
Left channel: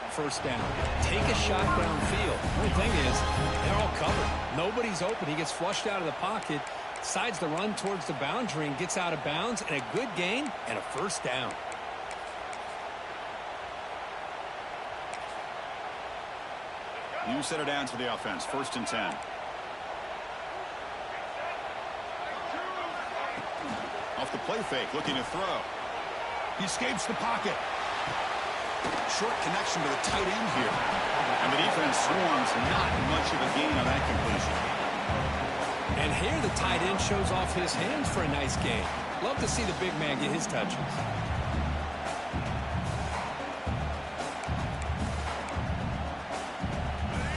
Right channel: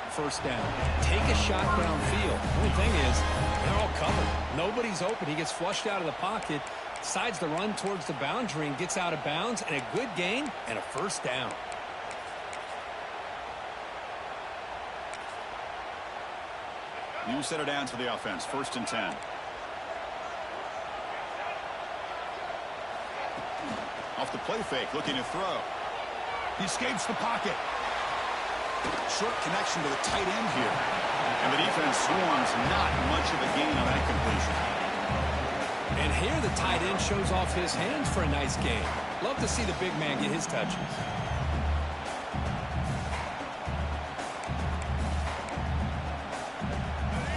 First down. Take a shot downfield. The only thing is, they're all covered. Nobody's open. He gets flushed out of the pocket, decides to run towards the boundary and gets out of bounds, and a good gain and a 1st down. New set of downs for the offense. 1st and 10. Off the play fake, looking to throw. He escapes the pocket. Short connection to the tight end here. And the defense swarms. Not much of a gain on that completion. And here the tight end shows off his hands for a nice gain. Love to see the big man get his touches.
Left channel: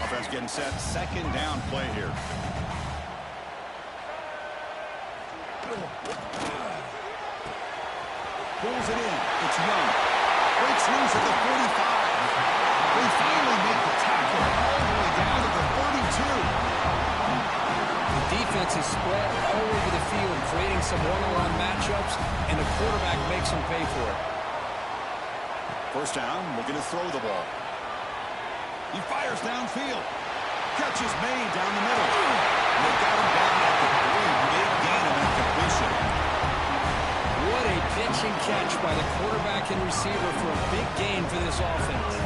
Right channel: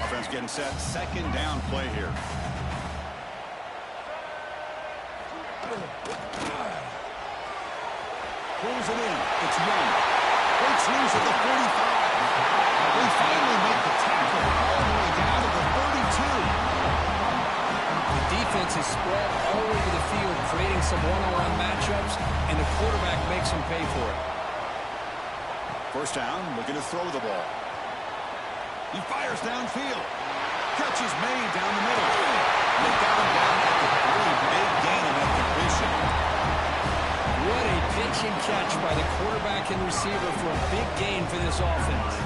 Offense getting set. Second down play here. Pulls it in. It's Young. Breaks loose at the 45. They finally make the tackle all the way down to the 32. The defense is spread all over the field, creating some one-on-one matchups, and the quarterback makes them pay for it. First down, looking to throw the ball. He fires downfield. Catch is made down the middle. They got him down at the 3. Big gain on that completion. What a pitch and catch by the quarterback and receiver for a big gain for this offense.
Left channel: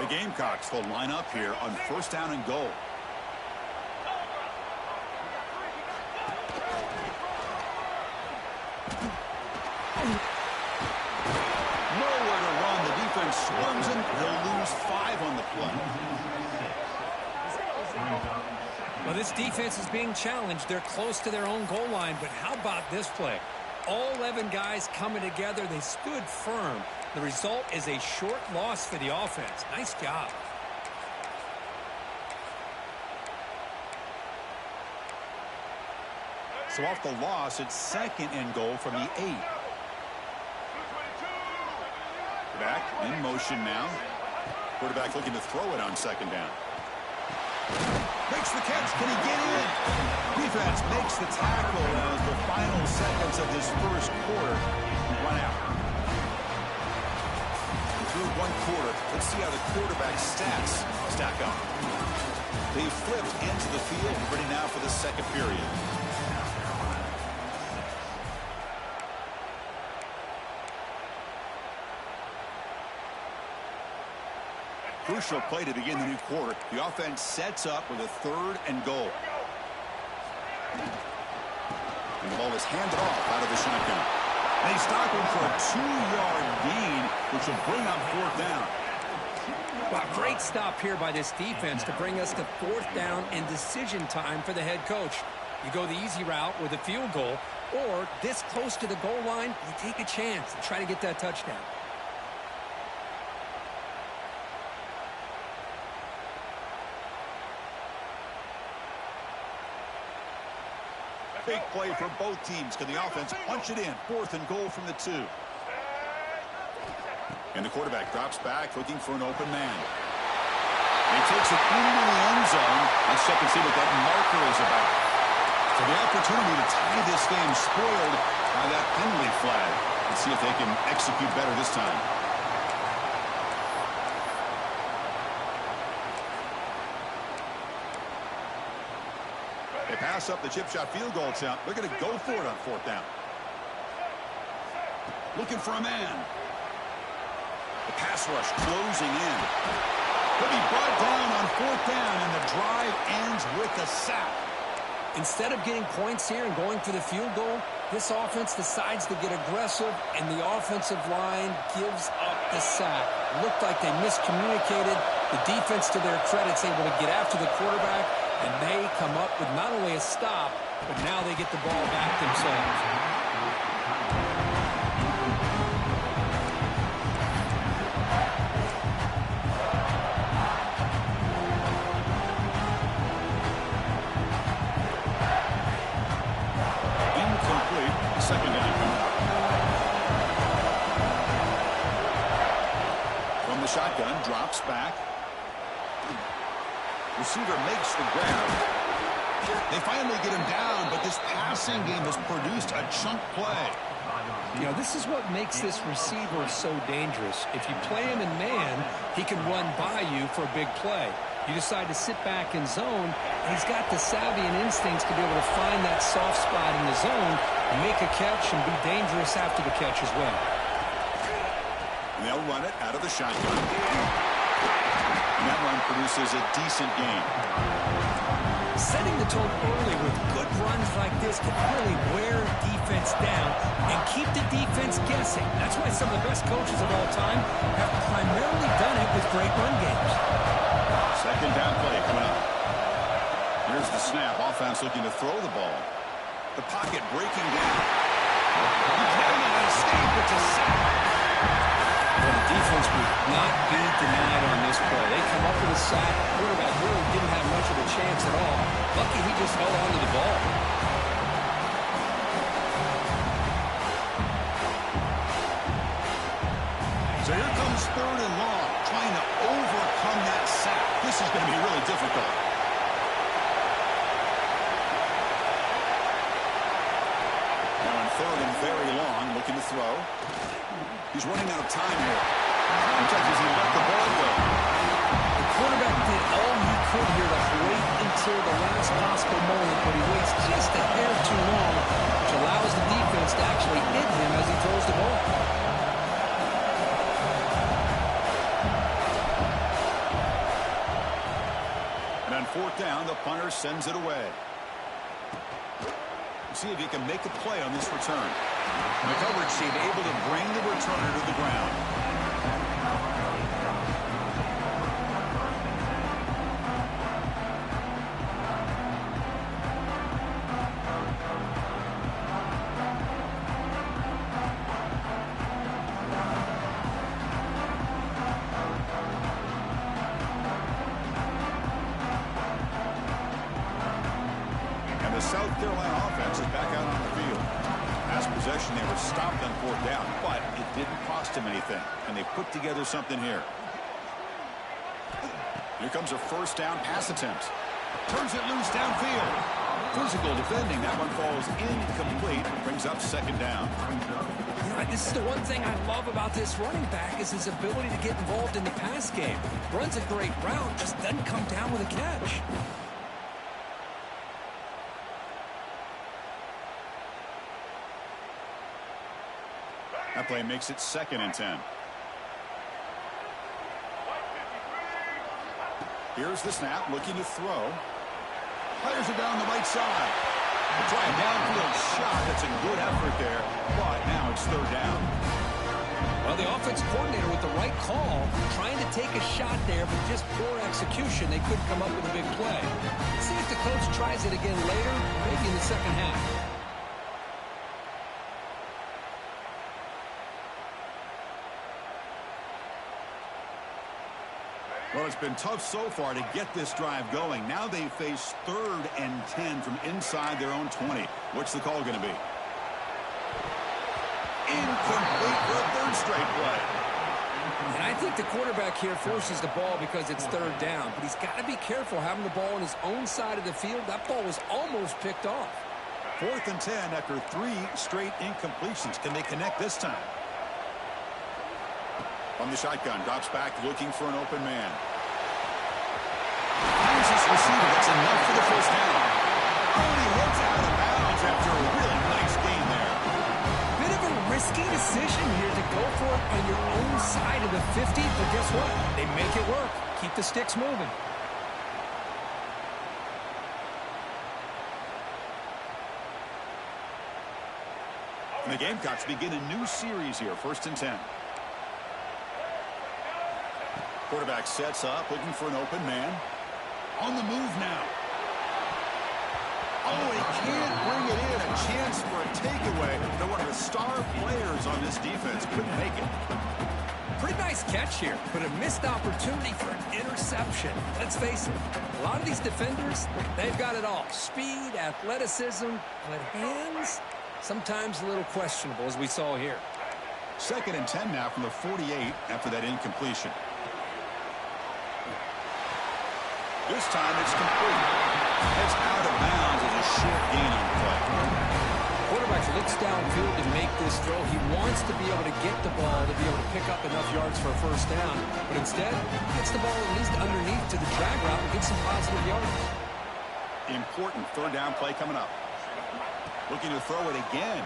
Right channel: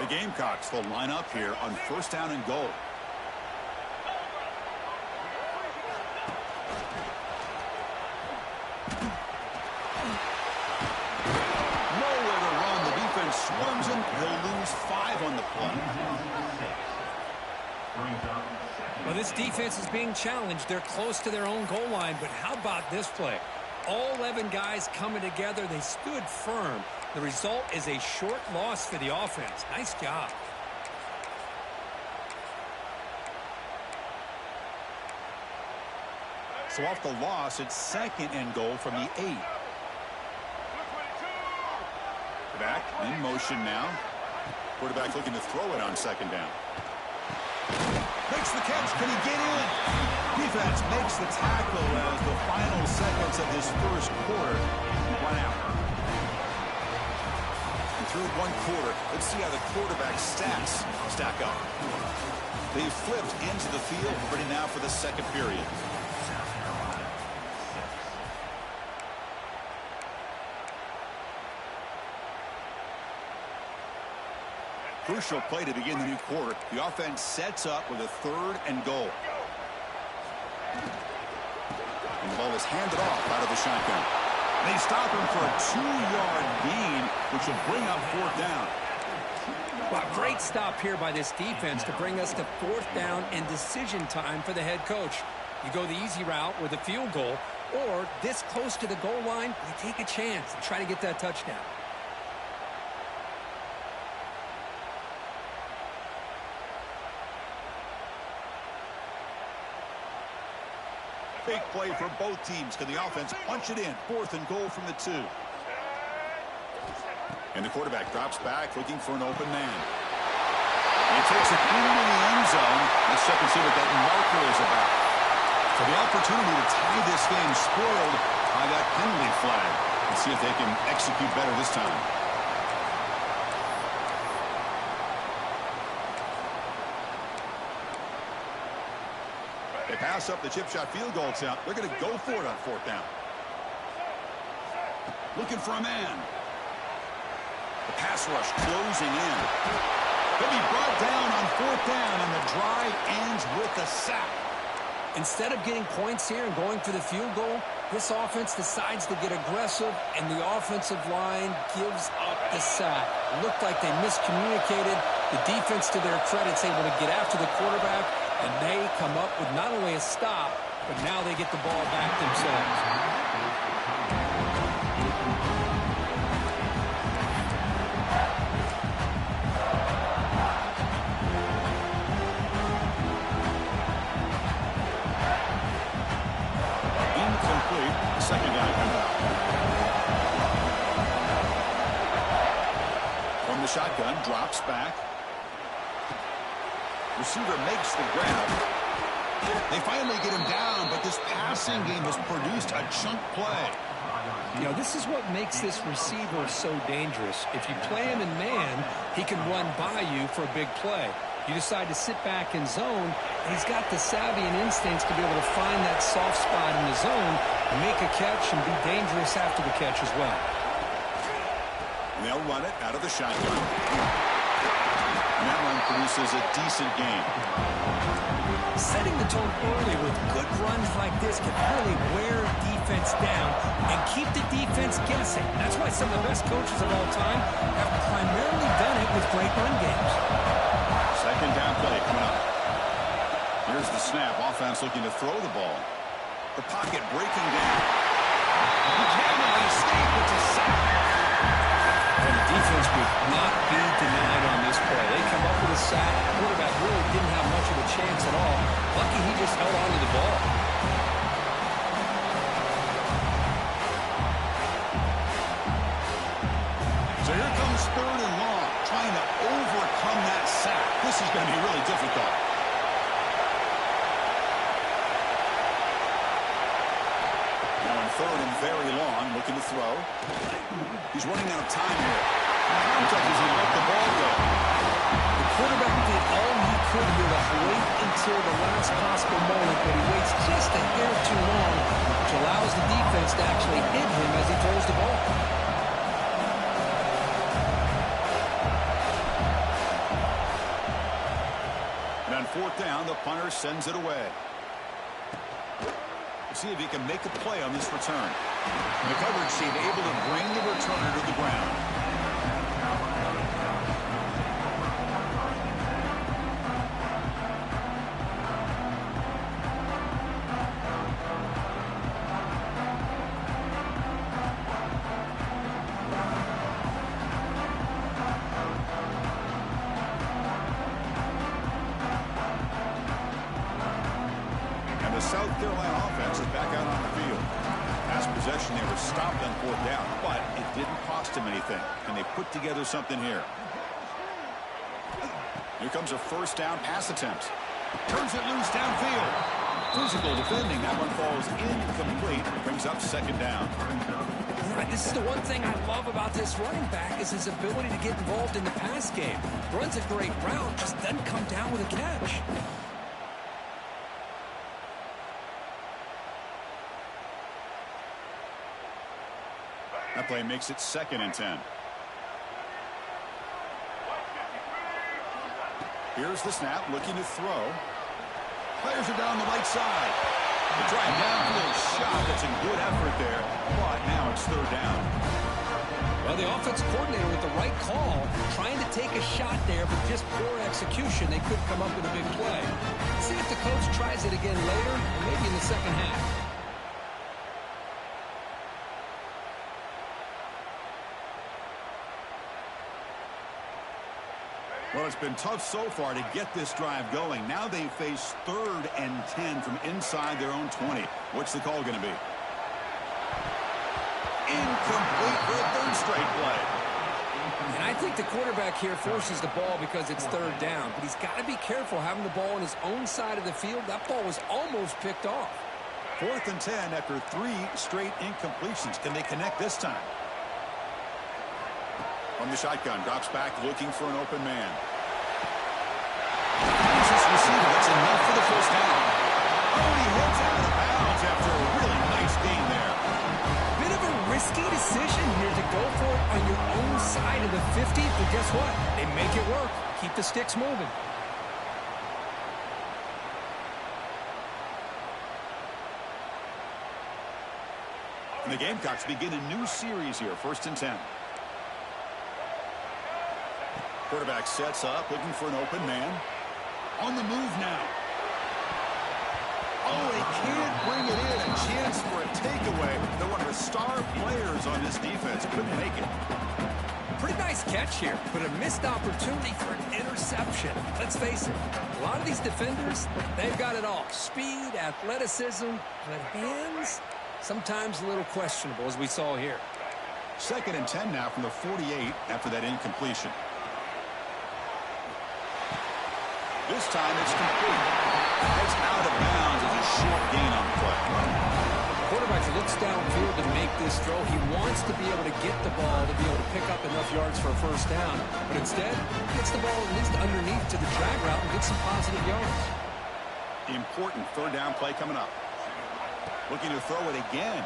The Gamecocks will line up here on first down and goal. Nowhere to run. The defense swarms him. He'll lose 5 on the play. Well, this defense is being challenged. They're close to their own goal line, but how about this play? All 11 guys coming together. They stood firm. The result is a short loss for the offense. Nice job. So off the loss, it's second and goal from the 8. Back in motion now. Quarterback looking to throw it on second down. Makes the catch. Can he get in? Defense makes the tackle as the final seconds of this first quarter run out. And through one quarter, let's see how the quarterback's stats stack up. They've flipped into the field, ready now for the second period. Crucial play to begin the new quarter. The offense sets up with a third and goal. And the ball is handed off out of the shotgun. They stop him for a 2-yard gain, which will bring up fourth down. Well, great stop here by this defense to bring us to fourth down and decision time for the head coach. You go the easy route with a field goal, or this close to the goal line, you take a chance and try to get that touchdown. Big play for both teams. Can the offense punch it in? Fourth and goal from the 2. And the quarterback drops back, looking for an open man. And he takes it into the end zone. Let's check and see what that marker is about. So the opportunity to tie this game spoiled by that penalty flag. Let's see if they can execute better this time. They pass up the chip shot field goal attempt. They're going to go for it on fourth down. Looking for a man. The pass rush closing in. He'll be brought down on fourth down, and the drive ends with a sack. Instead of getting points here and going for the field goal, this offense decides to get aggressive, and the offensive line gives up the sack. It looked like they miscommunicated. The defense, to their credit, is able to get after the quarterback, and they come up with not only a stop, but now they get the ball back themselves. Incomplete. Second down coming up. From the shotgun, drops back. Receiver makes the grab. They finally get him down, but this passing game has produced a chunk play. You know, this is what makes this receiver so dangerous. If you play him in man, he can run by you for a big play. You decide to sit back in zone, and he's got the savvy and instincts to be able to find that soft spot in the zone, make a catch, and be dangerous after the catch as well. And they'll run it out of the shotgun. And that run produces a decent gain. Setting the tone early with good runs like this can really wear defense down and keep the defense guessing. That's why some of the best coaches of all time have primarily done it with great run games. Second down play coming up. Here's the snap. Offense looking to throw the ball. The pocket breaking down. He cannot escape. It's a sack. Well, the defense would not be denied on this play. They come up with a sack. Quarterback really didn't have much of a chance at all. Lucky he just held on to the ball. So here comes third and long, trying to overcome that sack. This is going to be really difficult. Now in third and very long, looking to throw. He's running out of time here. Looks like he let the ball go. The quarterback did all he could here to wait until the last possible moment, but he waits just a hair too long, which allows the defense to actually hit him as he throws the ball. And on fourth down, the punter sends it away. See if he can make a play on this return. And the coverage team able to bring the returner to the ground. And the South Carolina offense is back out on the field. Last possession, they were stopped on fourth down, but it didn't cost them anything. And they put together something here. Here comes a first down pass attempt. Turns it loose downfield. Physical defending. That one falls incomplete. Brings up second down. You know, this is the one thing I love about this running back is his ability to get involved in the pass game. Runs a great route, just doesn't come down with a catch. That play makes it 2nd and 10. Here's the snap, looking to throw. Fires it down the right side. They try a downfield shot. That's a good effort there, but now it's third down. Well, the offense coordinator with the right call, trying to take a shot there, but just poor execution. They couldn't come up with a big play. Let's see if the coach tries it again later, maybe in the second half. Well, it's been tough so far to get this drive going. Now they face 3rd and 10 from inside their own 20. What's the call going to be? Incomplete for a third straight play. And I think the quarterback here forces the ball because it's third down. But he's got to be careful having the ball on his own side of the field. That ball was almost picked off. 4th and 10 after 3 straight incompletions. Can they connect this time? From the shotgun, drops back looking for an open man. Finds his receiver. That's enough for the first down. Oh, and he heads out of bounds after a really nice gain there. Bit of a risky decision here to go for it on your own side of the 50, but guess what? They make it work. Keep the sticks moving. And the Gamecocks begin a new series here, 1st and 10. Quarterback sets up, looking for an open man. On the move now. Oh, he can't bring it in. A chance for a takeaway. They're one of the star players on this defense. Couldn't make it. Pretty nice catch here, but a missed opportunity for an interception. Let's face it, a lot of these defenders, they've got it all. Speed, athleticism, but hands, sometimes a little questionable, as we saw here. 2nd and 10 now from the 48 after that incompletion. This time it's complete. It's out of bounds as a short gain on the play. Quarterback looks downfield to make this throw. He wants to be able to get the ball to be able to pick up enough yards for a first down. But instead, he gets the ball at least underneath to the drag route and gets some positive yards. Important 3rd down play coming up. Looking to throw it again.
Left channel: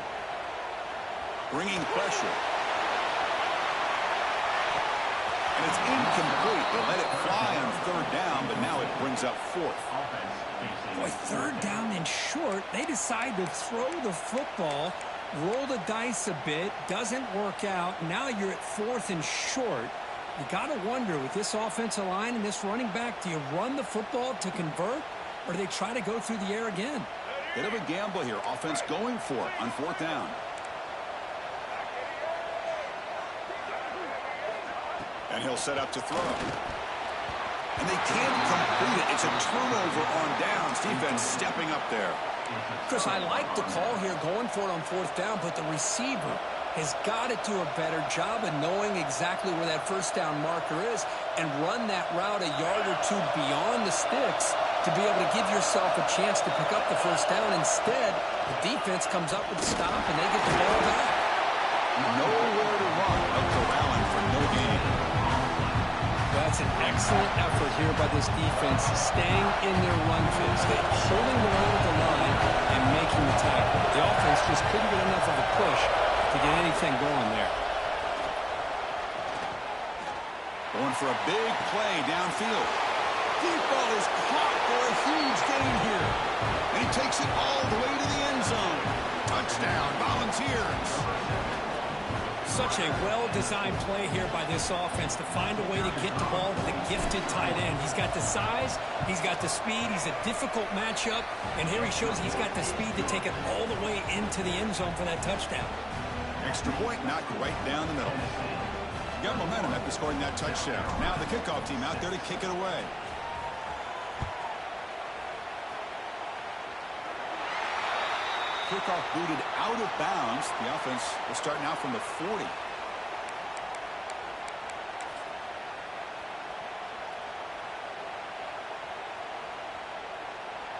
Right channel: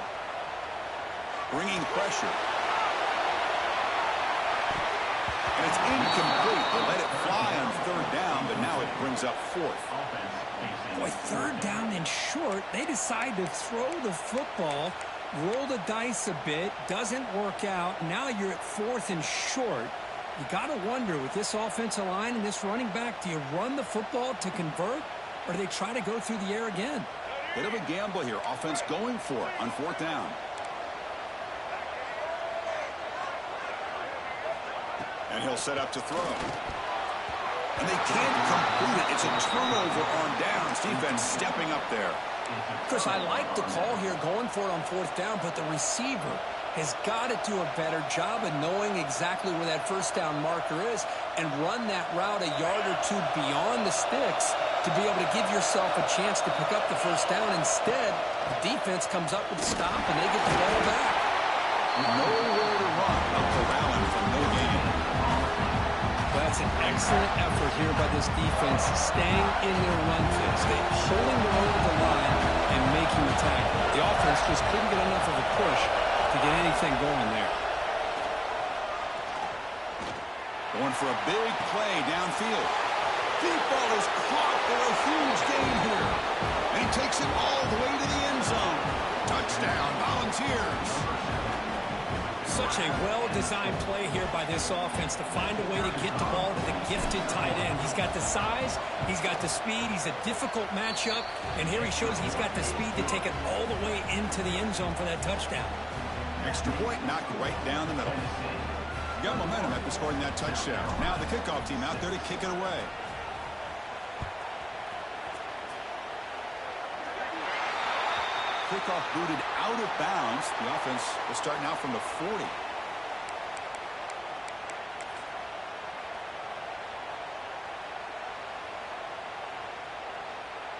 Bringing pressure. And it's incomplete. They let it fly on third down, but now it brings up fourth. Boy, third down and short. They decide to throw the football, roll the dice a bit, doesn't work out. Now you're at fourth and short. You got to wonder, with this offensive line and this running back, do you run the football to convert, or do they try to go through the air again? Bit of a gamble here. Offense going for it on fourth down. And he'll set up to throw. And they can't complete it. It's a turnover on downs. Defense stepping up there. Chris, I like the call here, going for it on fourth down, but the receiver has got to do a better job of knowing exactly where that first down marker is and run that route a yard or two beyond the sticks to be able to give yourself a chance to pick up the first down. Instead, the defense comes up with a stop and they get the ball back. Nowhere to run. A corralling for no gain. Well, that's an excellent effort here by this defense, staying in their run phase, holding their own with the line and making the tackle. The offense just couldn't get enough of a push to get anything going there. Going for a big play downfield. Deep ball is caught for a huge gain here. And he takes it all the way to the end zone. Touchdown, Volunteers. Such a well-designed play here by this offense to find a way to get the ball to the gifted tight end. He's got the size, he's got the speed, he's a difficult matchup, and here he shows he's got the speed to take it all the way into the end zone for that touchdown. Extra point knocked right down the middle. Got momentum after scoring that touchdown. Now the kickoff team out there to kick it away. Kickoff booted out of bounds. The offense will start now from the 40.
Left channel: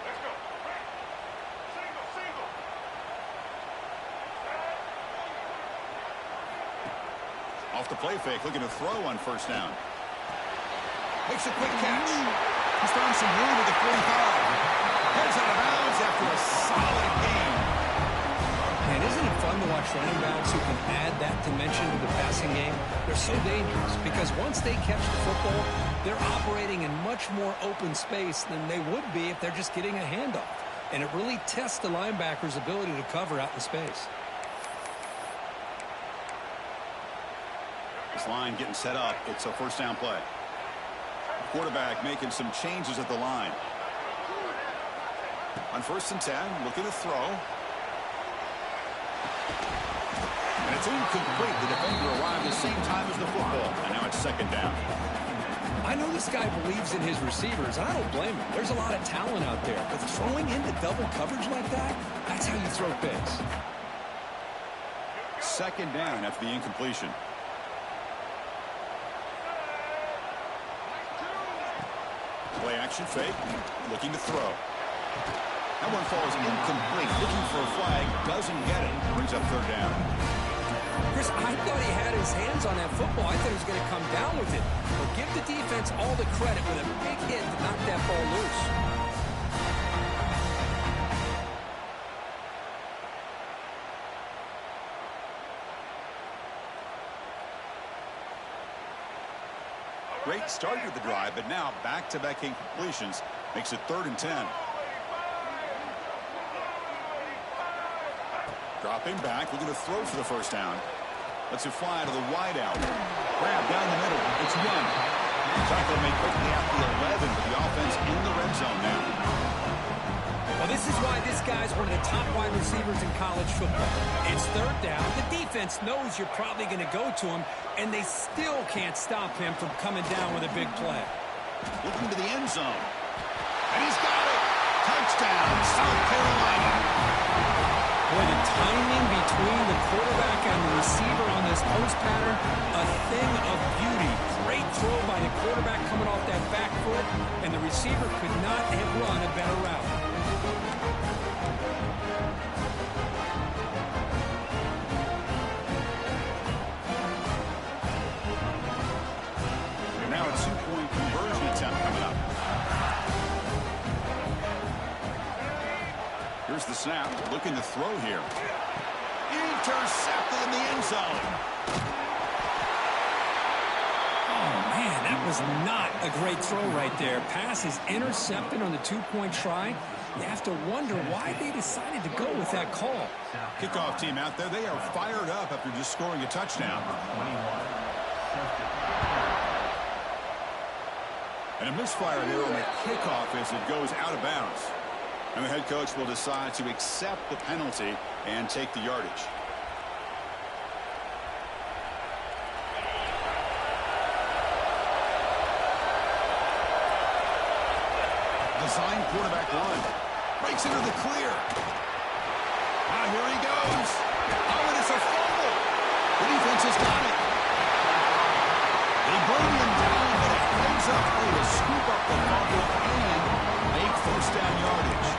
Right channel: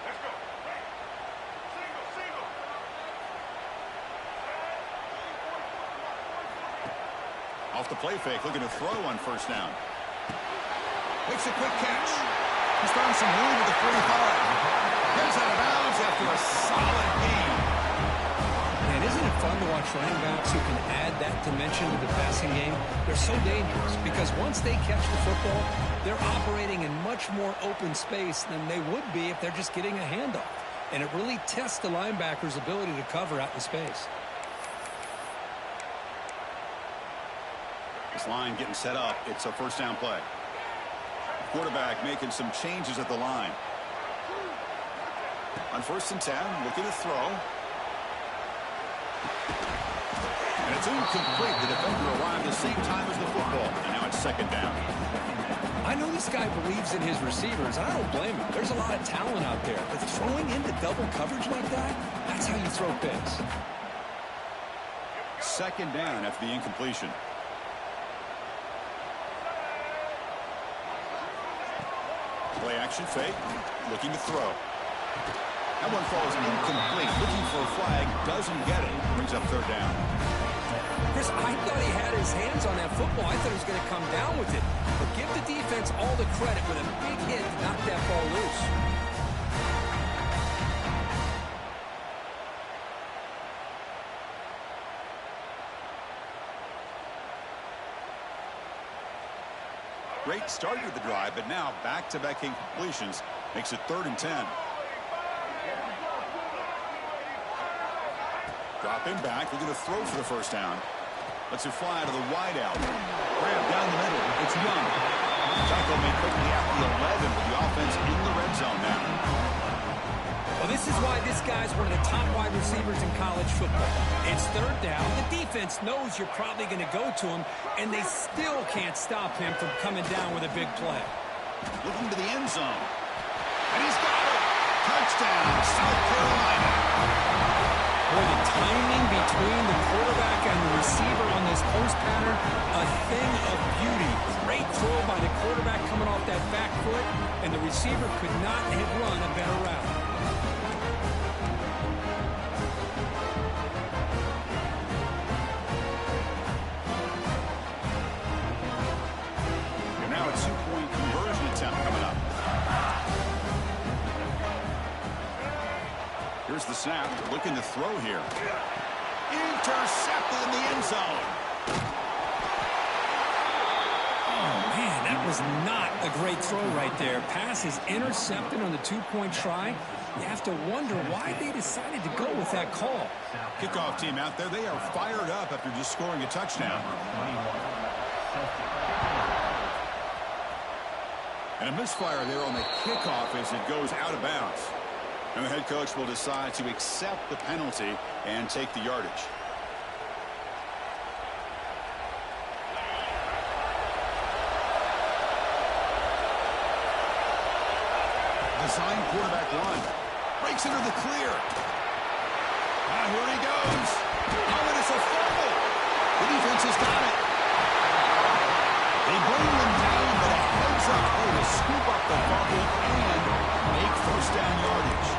Let's go. Right. Single. Off the play fake, looking to throw on first down. Makes a quick catch. He's found some room at the 45. Heads out of bounds after a solid gain. Man, isn't it fun to watch running backs who can add that dimension to the passing game? They're so dangerous because once they catch the football, they're operating in much more open space than they would be if they're just getting a handoff. And it really tests the linebacker's ability to cover out in space. This line getting set up. It's a first down play. Quarterback making some changes at the line. On 1st and 10, looking to throw. And it's incomplete. The defender arrived the same time as the football. And now it's second down. I know this guy believes in his receivers, and I don't blame him. There's a lot of talent out there. But throwing into double coverage like that, that's how you throw picks. Second down after the incompletion. Play action fake. Looking to throw. That one falls incomplete. Looking for a flag. Doesn't get it. Brings up third down. Chris, I thought he had his hands on that football. I thought he was going to come down with it. But give the defense all the credit with a big hit to knock that ball loose. Great start to the drive, but now back-to-back incompletions makes it 3rd and 10. Dropping back, looking to throw for the first down. Lets it fly to the wide out. Grab down the middle. It's Young. Tackle made quickly at the 11, but the offense in the red zone now. Well, this is why this guy's one of the top wide receivers in college football. It's third down. The defense knows you're probably going to go to him, and they still can't stop him from coming down with a big play. Looking to the end zone. And he's got it. Touchdown, South Carolina. Boy, the timing between the quarterback and the receiver on this post pattern, a thing of beauty. Great throw by the quarterback coming off that back foot, and the receiver could not have run a better route. And now a two-point conversion attempt coming up. Here's the snap, looking to throw here. Intercepted in the end zone. Oh, Man, that was not a great throw right there. Pass is intercepted on the two-point try. You have to wonder why they decided to go with that call. Kickoff team out there, they are fired up after just scoring a touchdown. And a misfire there on the kickoff as it goes out of bounds. And the head coach will decide to accept the penalty and take the yardage. Design quarterback run. Breaks into the clear. Now here he goes. Oh, and it's a fumble. The defense has got it. They bring him down, but a heads-up play to scoop up the fumble and make first down yardage.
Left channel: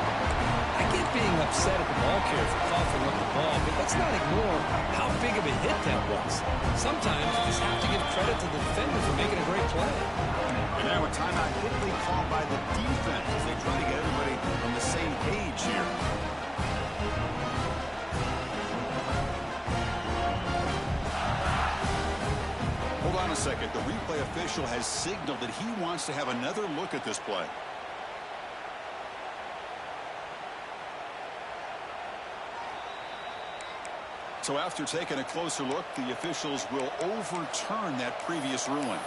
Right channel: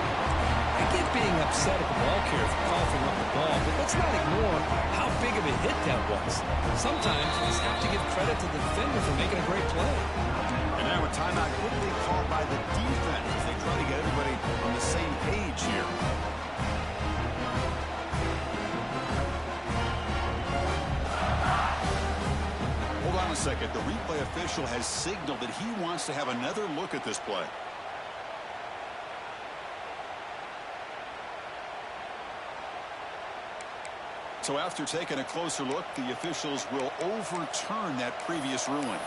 I get being upset at the ball carrier for coughing up the ball, but let's not ignore how big of a hit that was. Sometimes you just have to give credit to the defender for making a great play. And now a timeout quickly called by the defense as they try to get everybody on the same page here. Hold on a second. The replay official has signaled that he wants to have another look at this play. So after taking a closer look, the officials will overturn that previous ruling.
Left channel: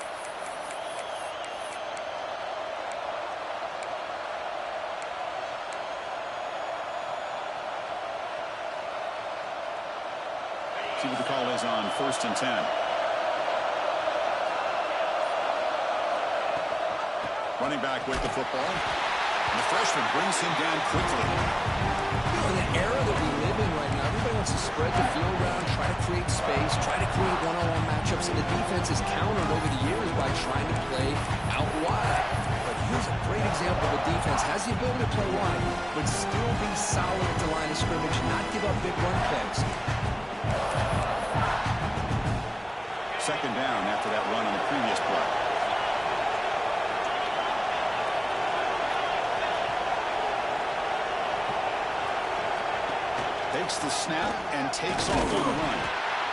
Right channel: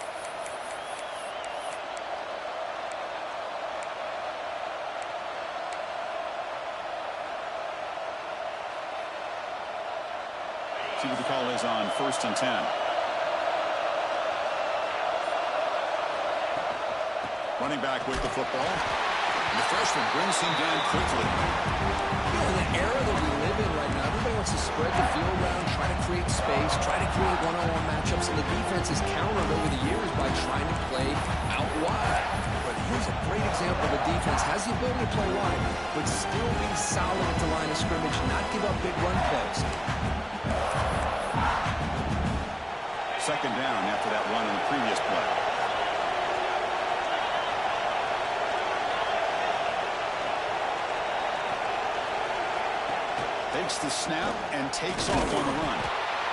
See what the call is on 1st and 10. Running back with the football. And the freshman brings him down quickly. You know, in the era that we live in right now, everybody wants to spread the field around, try to create space, try to create one-on-one matchups, and the defense is countered over the years by trying to play out wide. But here's a great example of a defense has the ability to play wide, but still be solid at the line of scrimmage, not give up big run plays. Second down after that run on the previous play. Takes the snap and takes off on the run.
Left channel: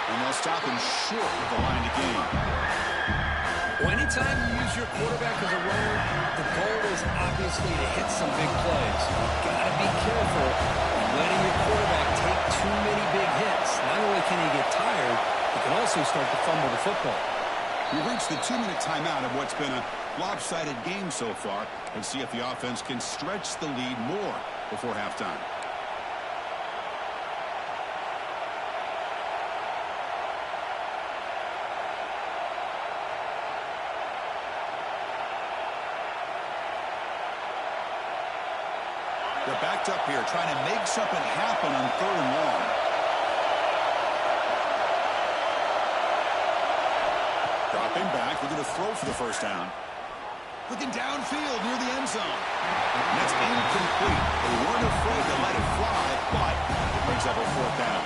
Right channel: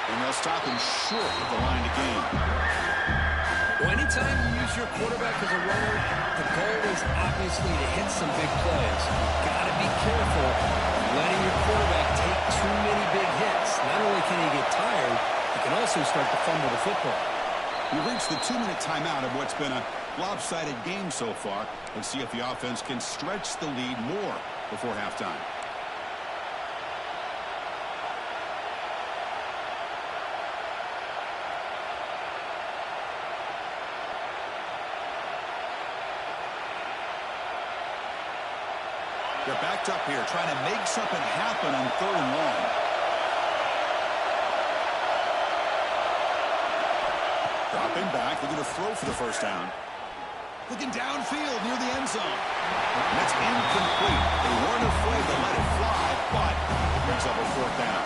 And they'll stop him short of the line to gain. Well, anytime you use your quarterback as a runner, the goal is obviously to hit some big plays. You've got to be careful of letting your quarterback take too many big hits. Not only can he get tired, he can also start to fumble the football. We've reached the 2-minute timeout of what's been a lopsided game so far. Let's see if the offense can stretch the lead more before halftime. They're backed up here, trying to make something happen on 3rd and long. Dropping back, looking to throw for the first down. Looking downfield near the end zone. And that's incomplete. They weren't afraid to let it fly, but it brings up a 4th down.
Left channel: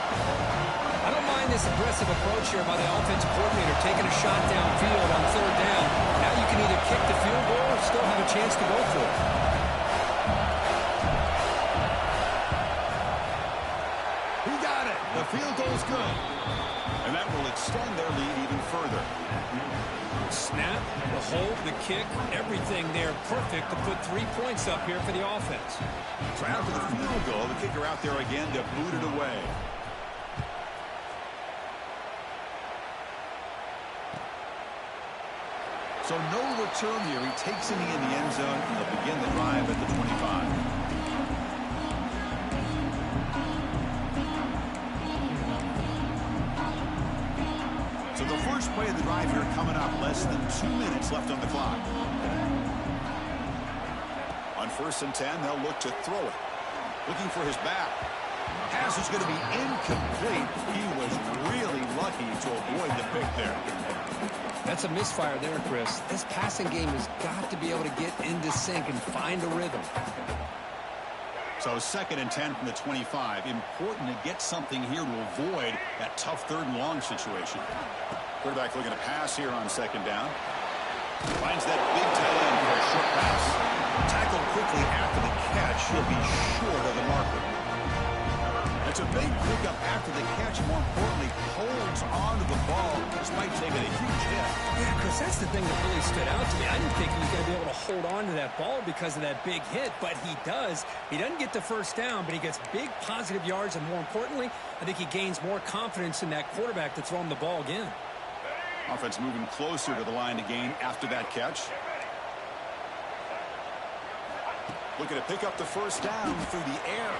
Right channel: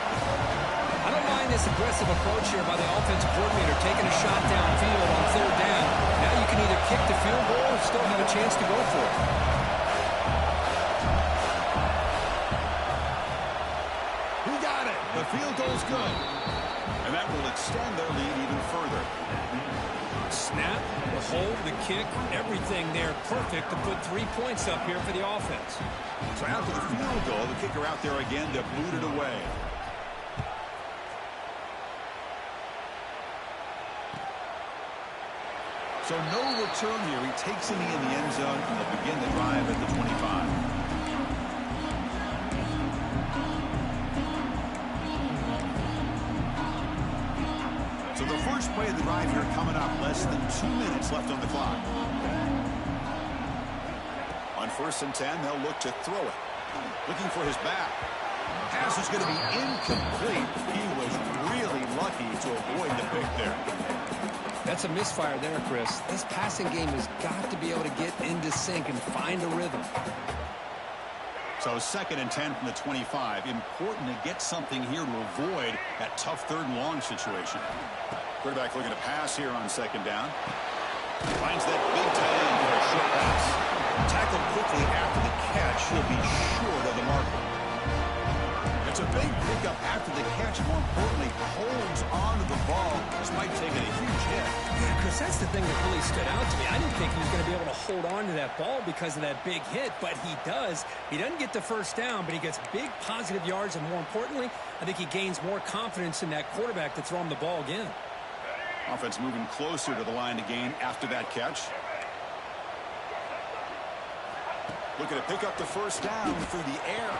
I don't mind this aggressive approach here by the offensive coordinator, taking a shot downfield on 3rd down. Now you can either kick the field goal or still have a chance to go for it. The field goal's good. And that will extend their lead even further. Snap, the hold, the kick, everything there perfect to put 3 points up here for the offense. So after the field goal, the kicker out there again to boot it away. So no return here. He takes it in the end zone, and they'll begin the drive at the 25. So the first play of the drive here coming up, less than 2 minutes left on the clock. On 1st and 10, they'll look to throw it. Looking for his back. Pass is going to be incomplete. He was really lucky to avoid the pick there. That's a misfire there, Chris. This passing game has got to be able to get into sync and find a rhythm. So 2nd and 10 from the 25. Important to get something here to avoid that tough 3rd and long situation. Quarterback looking to pass here on 2nd down. Finds that big tight end for a short pass. Tackled quickly after the catch. He'll be short of the marker. And It's a big pickup after the catch. More importantly, holds onto the ball despite taking a huge hit. Yeah, Chris, that's the thing that really stood out to me. I didn't think he was going to be able to hold on to that ball because of that big hit, but he does. He doesn't get the first down, but he gets big positive yards, and more importantly, I think he gains more confidence in that quarterback to throw him the ball again. Offense moving closer to the line to gain after that catch. Looking to pick up the first down through the air.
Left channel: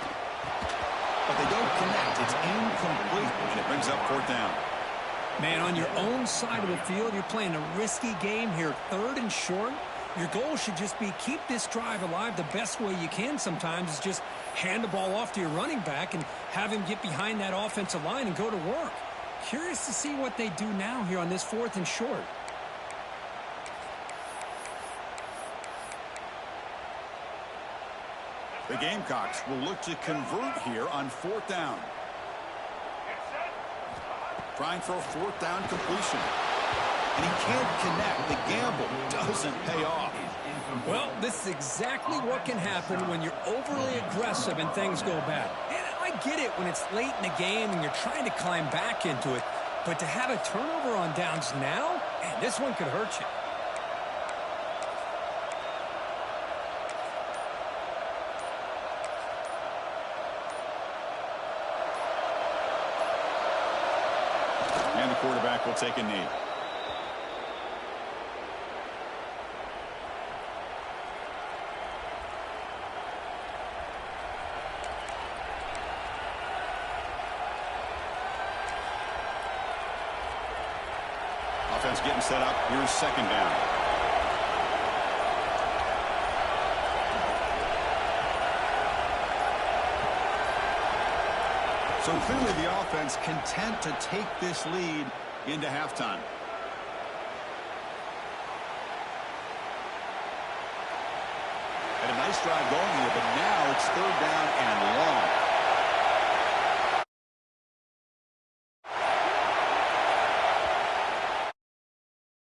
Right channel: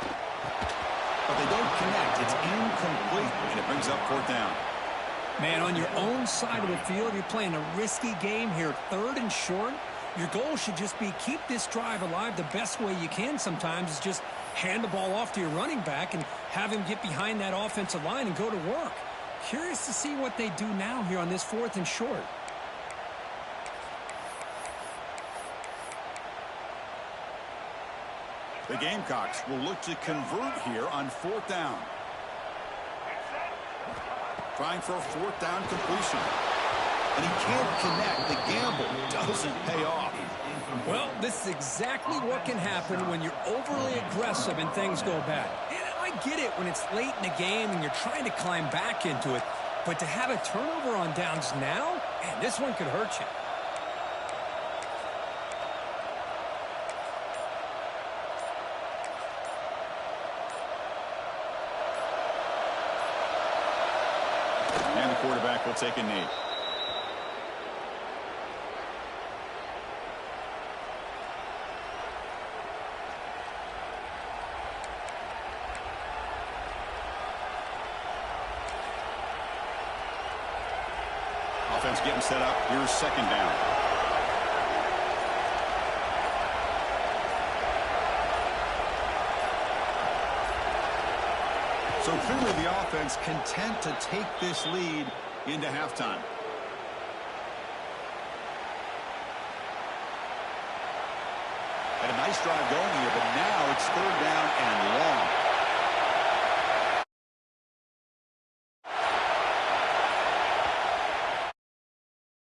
But they don't connect. It's incomplete, and it brings up 4th down. Man, on your own side of the field, you're playing a risky game here, 3rd and short. Your goal should just be keep this drive alive the best way you can sometimes is just hand the ball off to your running back and have him get behind that offensive line and go to work. Curious to see what they do now here on this 4th and short. The Gamecocks will look to convert here on 4th down. Trying for a 4th down completion. And he can't connect. The gamble doesn't pay off. Well, this is exactly what can happen when you're overly aggressive and things go bad. And I get it when it's late in the game and you're trying to climb back into it. But to have a turnover on downs now, man, this one could hurt you. And the quarterback will take a knee. Offense getting set up. Here's 2nd down. So clearly the offense content to take this lead into halftime. Had a nice drive going here, but now it's 3rd down and long.